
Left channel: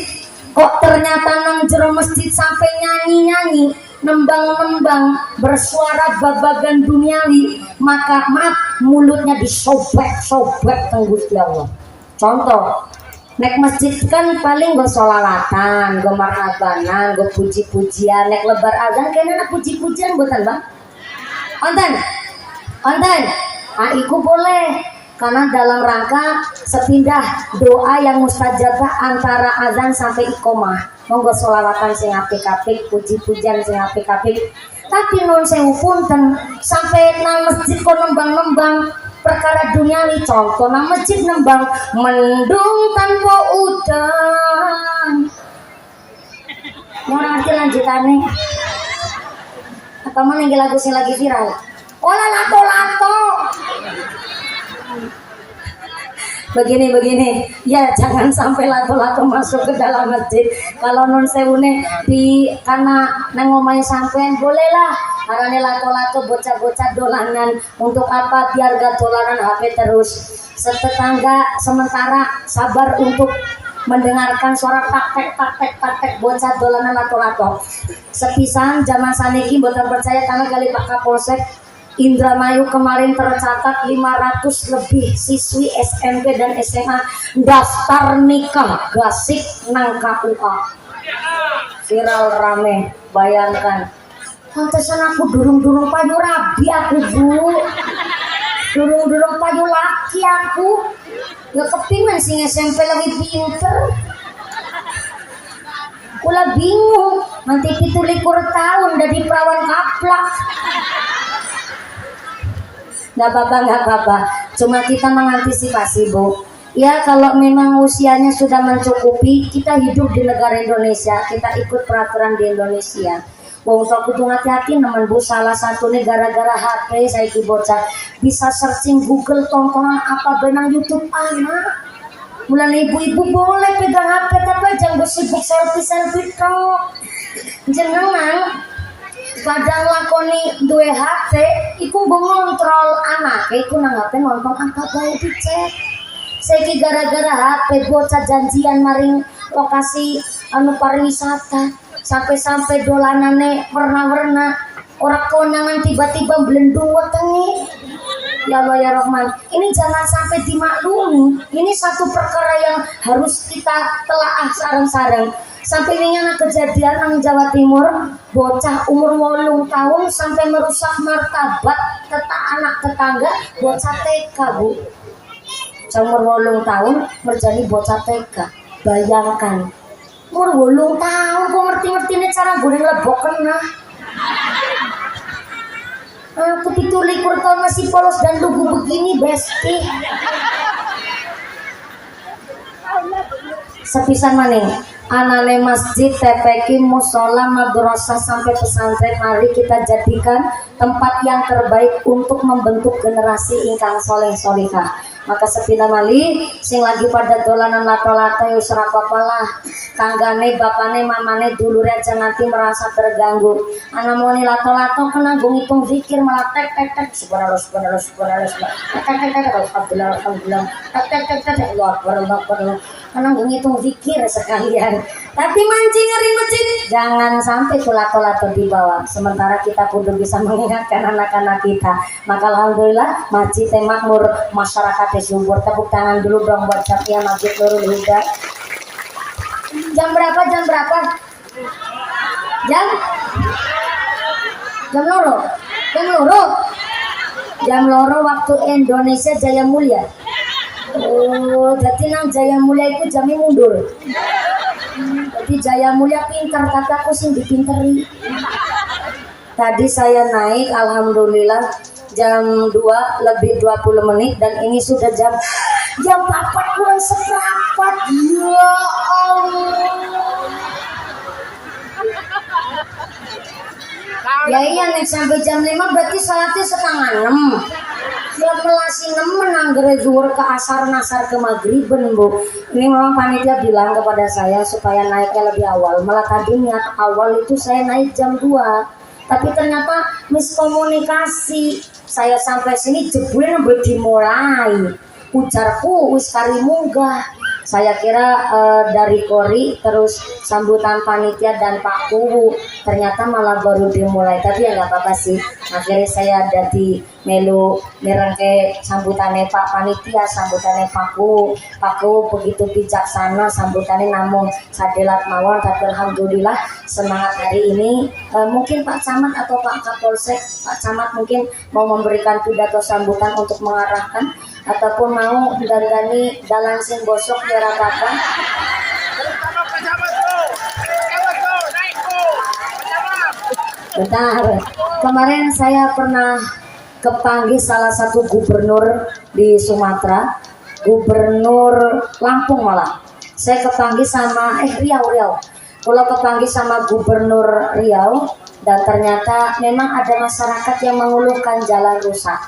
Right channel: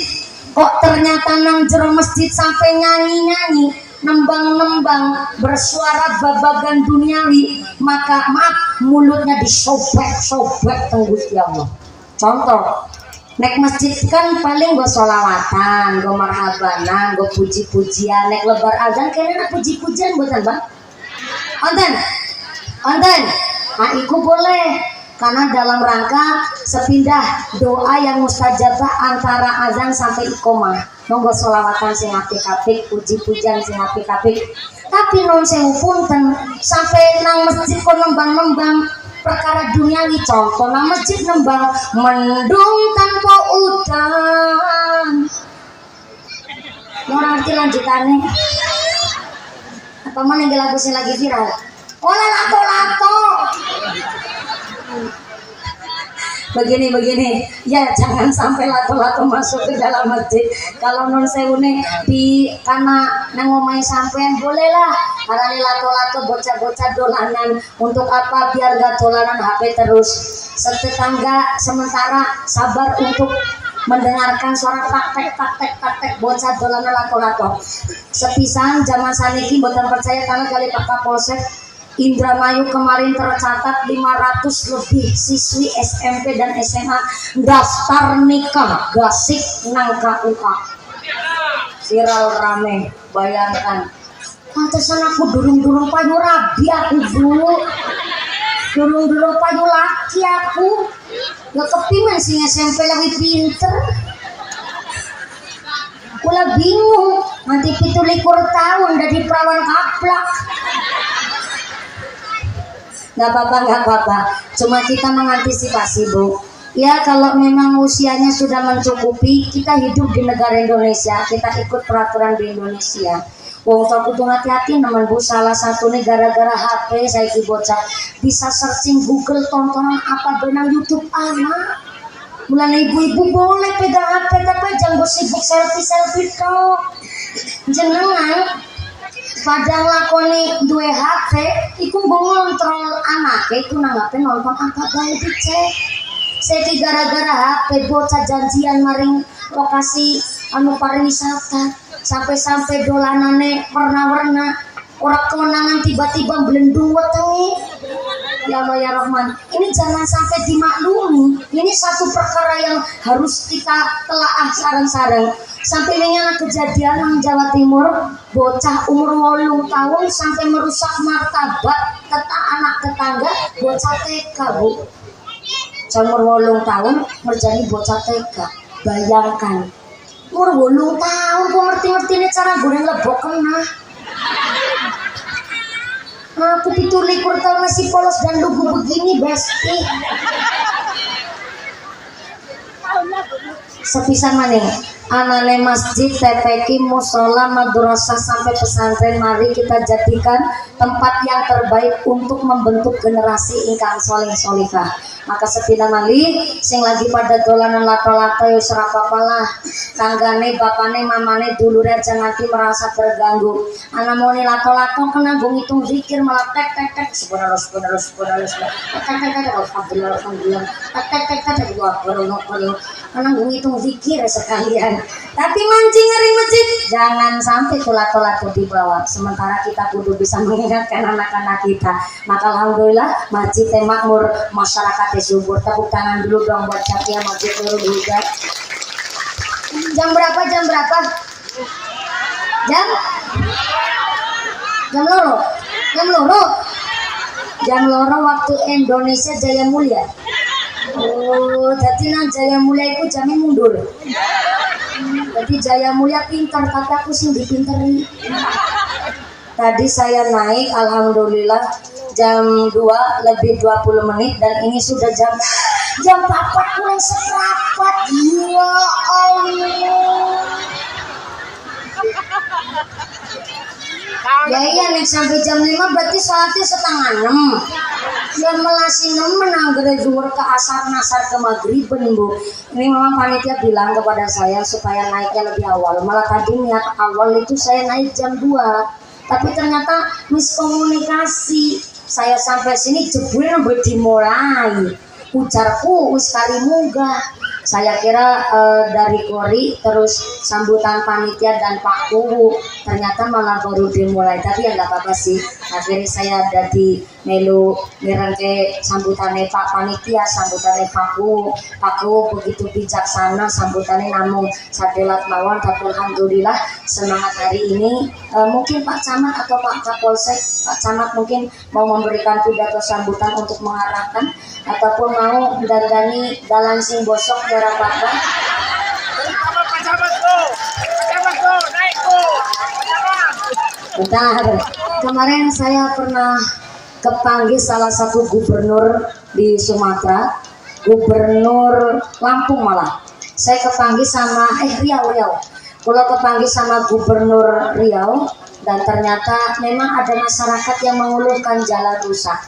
kok ternyata nang jero masjid sampai nyanyi-nyanyi, nembang-nembang, bersuara babagan duniawi, maka maaf mulutnya disobek-sobek teng Gusti Allah. Contoh, nek masjid kan paling go sholawatan, go marhabanan, go puji-pujian, nek lebar azan kayaknya puji-pujian buatan Bang. Onten. Iku boleh karena dalam rangka sepindah doa yang mustajabah antara azan sampai iqomah. Monggo sholawatan sing apik-apik, puji-pujian sing apik-apik. Tapi non sewu punten sampai nang masjid kok nembang-nembang perkara duniawi. Contoh nang masjid nembang mendung tanpa udan. Mau ngerti lanjutannya? Apa mau ninggal lagu sing lagi viral? Olah lato-lato. Begini ya, jangan sampai lato-lato masuk ke dalam masjid. Kalau non sewune di karena nangomai sampean bolehlah, karena lato-lato bocah-bocah dolanan. Untuk apa? Biar gak dolanan HP terus. Setetangga sementara sabar untuk mendengarkan suara taktek bocah dolanan lato-lato. Sepisan zaman saniki boten percaya karena kali Pak Kapolsek Indramayu kemarin tercatat 500 lebih siswi SMP dan SMA daftar nikah gasik nang KUA. Viral rame, bayangkan. Pantesan aku durung payu rabi aku Bu. Durung-durung payu laki aku. Gak kepingin sing SMP lagi pinter. Kula bingung, nanti 17 tahun dari perawan kaplak. Gak apa-apa. Cuma kita mengantisipasi, Bu. Ya kalau memang usianya sudah mencukupi, kita hidup di negara Indonesia, kita ikut peraturan di Indonesia. Wong tua kudu hati-hati nemen Bu, salah satu nih gara-gara HP saya bocah bisa searching Google tontonan apa benang YouTube anak. Mulai ibu-ibu boleh pegang HP tapi jangan sibuk selfie kau. Jenengan kadang lakoni duwe HP iku ngontrol anak iku nang HP nonton apa bae dicek. Saiki gara-gara HP bocah janjian maring lokasi anu pariwisata sampai dolanane warna-warna ora konangan tiba-tiba blendung wetenge. Ya Allah ya Rahman, ini jangan sampai dimaklumi. Ini satu perkara yang harus kita telaah sareng-sareng. Sampai ini anak kejadian nang Jawa Timur, bocah umur 8 tahun sampai merusak martabat anak tetangga, bocah TK, Bu. Umur 8 tahun merjani bocah TK. Bayangkan, umur 8 tahun kok ngerti-ngerti ini cara goreng lebok kena. Aku 17 tahun masih polos dan lugu begini, Besti. Sepisan maning anane masjid, TPQ, musola, madrasah sampai pesantren, mari kita jadikan tempat yang terbaik untuk membentuk generasi ingkang soleh solihah. Maka sepina mali sing lagi pada dolanan lato-lato ya ora apa-apalah. Kanggane, bapane, mamane, dulure aja nanti merasa terganggu. Ana moni lato-lato kena nggo ngitung zikir malah tek subhanallah alhamdulillah karena nggo ngitung zikir sekalian. Tapi mancing ngeri masjid jangan sampai lato-lato dibawa. Sementara kita kudu bisa mengingatkan anak-anak kita. Maka alhamdulillah masjid makmur, masyarakat subur. Tepuk tangan dulu dong buat Capia Masjid Nurul Huda. Jam berapa? Jam loro waktu Indonesia Jaya Mulia. Oh, jadi nang Jaya Mulia itu jamnya mundur. Jadi Jaya Mulia pintar, tapi aku sih dipinteri. Tadi saya naik, alhamdulillah jam 2 lebih 20 menit dan ini sudah jam 4 kurang seperempat. Ya Allah. Ya iya nih sampai jam 5 berarti sholatnya setengah 6. Ya melasi 6 menanggere zuhur ke asar nasar ke maghriben, Bu. Ini memang panitia bilang kepada saya supaya naiknya lebih awal. Malah tadi niat awal itu saya naik jam 2. Tapi ternyata miskomunikasi. Saya sampai sini jebule nembe dimulai. Ujarku wis kari munggah. Saya kira dari Kori terus sambutan panitia dan Pak Kuwu, ternyata malah baru dimulai. Tapi ya nggak apa-apa sih. Akhirnya saya ada di melu nirengke sambutannya Pak Panitia, sambutannya Pak Kuwu. Pak Kuwu begitu bijaksana sambutannya namun sadelat mawon. Tapi alhamdulillah semangat hari ini. Mungkin Pak Camat atau Pak Kapolsek, Pak Camat mungkin mau memberikan pidato sambutan untuk mengarahkan ataupun mau dandani dalam sing bosok ya apa-apa. Bentar, kemarin saya pernah kepanggil salah satu gubernur di Sumatera, gubernur Lampung malah. Saya kepanggil sama Riau. Kalau kepanggil sama gubernur Riau dan ternyata memang ada masyarakat yang mengeluhkan jalan rusak.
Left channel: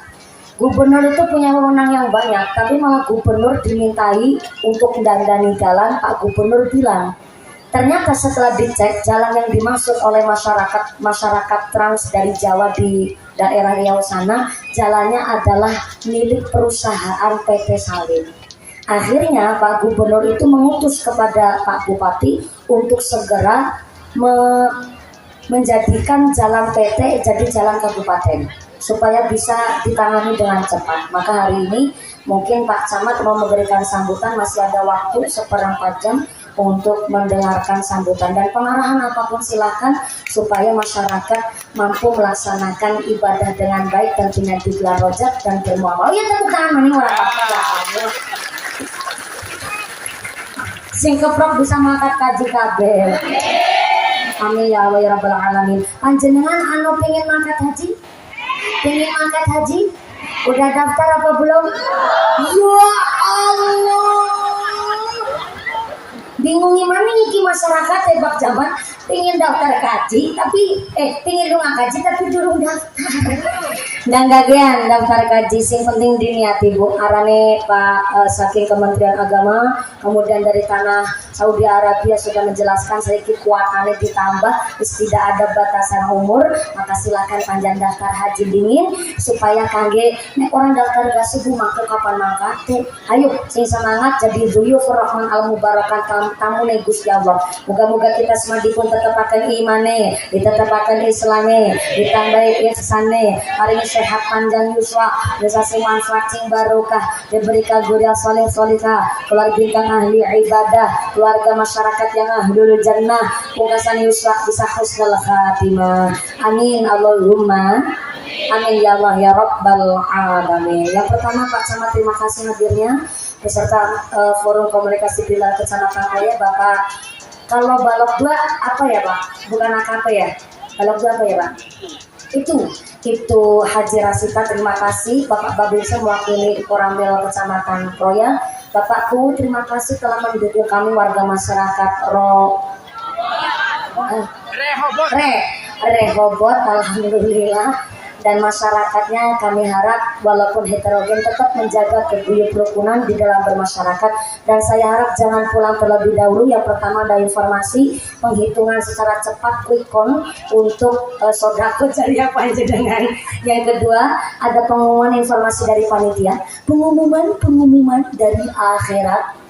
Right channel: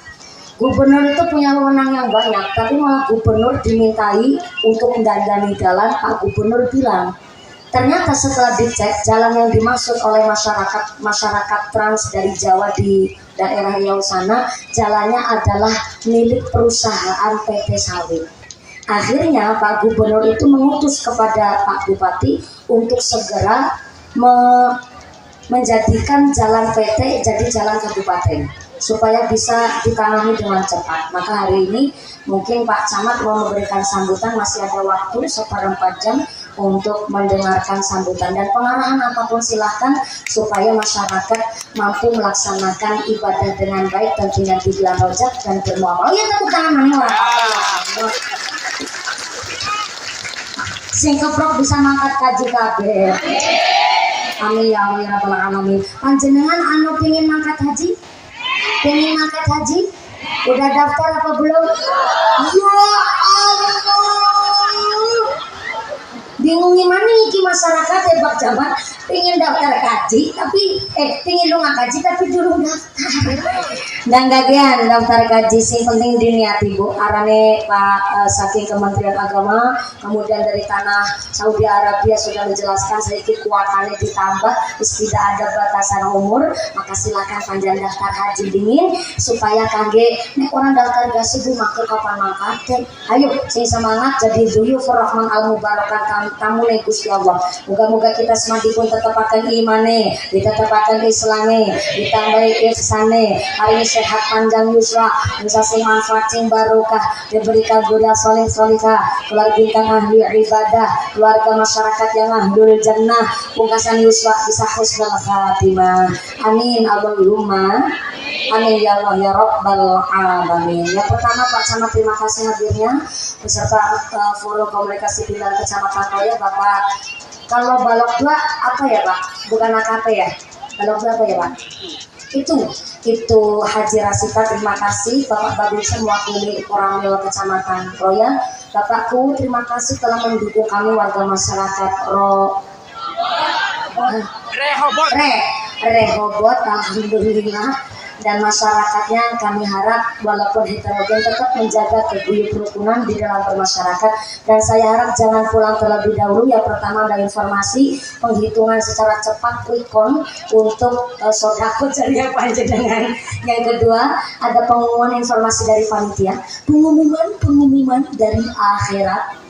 Gubernur itu punya wewenang yang banyak, tapi malah gubernur dimintai untuk mendandani jalan. Pak Gubernur bilang, ternyata setelah dicek jalan yang dimaksud oleh masyarakat trans dari Jawa di daerah Riau sana, jalannya adalah milik perusahaan PT Sawit. Akhirnya Pak Gubernur itu mengutus kepada Pak Bupati untuk segera menjadikan jalan PT jadi jalan kabupaten, supaya bisa ditangani dengan cepat. Maka hari ini mungkin Pak Camat mau memberikan sambutan, masih ada waktu 1/4 jam untuk mendengarkan sambutan dan pengarahan apapun silakan supaya masyarakat mampu melaksanakan ibadah dengan baik tentunya di bulan Rajab dan bermuamalah. Ya tepuk tangan maning orang apa. Sing keprok bisa mangkat kaji kabeh. Amin ya Allah ya rabbal alamin. Panjenengan anu pengen mangkat haji? Pengen mangkat haji? Udah daftar apa belum? Ya Allah. Bingung gimana iki masyarakat tebak jaman pengen daftar kaji tapi pengen lu ngaji tapi durung daftar. Dan gagian daftar kaji sing penting diniati Bu. Arane Pak saking Kementerian Agama, kemudian dari tanah Saudi Arabia sudah menjelaskan sedikit kuatannya ditambah, tidak ada batasan umur, maka silakan panjang daftar haji dingin supaya kangge nek orang daftar gak subuh maka kapan mangkat. Ayo sing semangat jadi dzuyufur rahman al mubarakan tamu nih Gusti Allah. Moga-moga kita semua dipun tetepaken imane, ditetepaken islame, ditambahi ihsane, hari ini sehat panjang yuswa, bisa sing manfaat sing barokah, diberikan zuriat soleh solihah, keluarga ingkang ahli ibadah, keluarga masyarakat yang ahlul jannah, pungkasan yuswa bisa husnul khatimah. Amin Allahumma amin ya Allah ya Rabbal alamin. Yang pertama Pak Camat terima kasih hadirnya beserta forum komunikasi Bilal Kecamatan Koya Bapak. Kalau balok 2 apa ya Pak? Bukan AKP ya? Balok 2 apa ya Pak? Itu Haji Rasita terima kasih. Bapak Babinsa mewakili Koramil Kecamatan Kroya. Bapakku terima kasih telah mendukung kami warga masyarakat Rehobot alhamdulillah. Dan masyarakatnya kami harap walaupun heterogen tetap menjaga keguyup rukunan di dalam bermasyarakat. Dan saya harap jangan pulang terlebih dahulu. Yang pertama ada informasi penghitungan secara cepat quick count untuk sodako jariah panjenengan. Yang kedua ada pengumuman informasi dari panitia, pengumuman dari akhirat.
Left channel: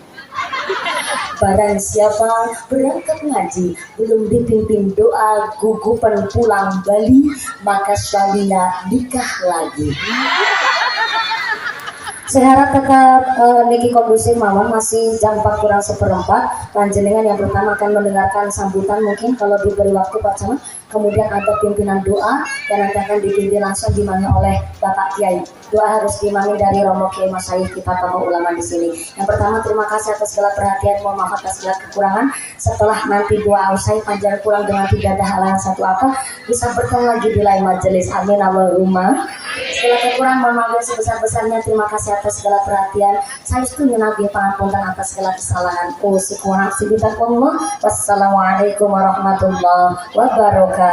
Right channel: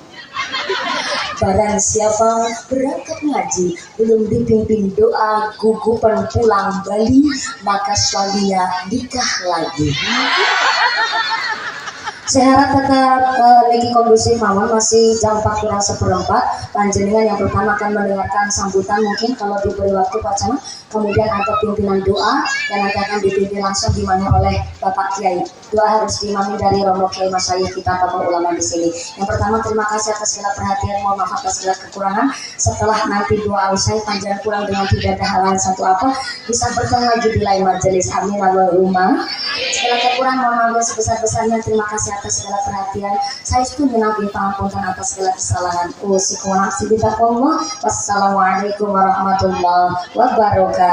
Barang siapa berangkat ngaji belum dipimpin doa gugupan pulang Bali, maka suaminya nikah lagi. Saya harap tetap niki kondusif mawon, masih jam 4 kurang seperempat. Panjenengan yang pertama akan mendengarkan sambutan mungkin kalau diberi waktu Pak Camat. Kemudian ada pimpinan doa yang nanti akan dipimpin langsung dimani oleh Bapak Kiai. Doa harus diimami dari Romo Kiai Masyayikh kita tokoh ulama di sini. Yang pertama terima kasih atas segala perhatian, mohon maaf atas segala kekurangan. Setelah nanti doa usai panjang pulang dengan tidak ada halangan satu apa, bisa bertemu lagi di lain majelis. Amin Allahumma. Segala kekurangan mohon maaf yang sebesar-besarnya. Terima kasih atas segala perhatian. Saya setuju nabi pangapunten atas segala kesalahan. Wassalamualaikum warahmatullahi wabarakatuh.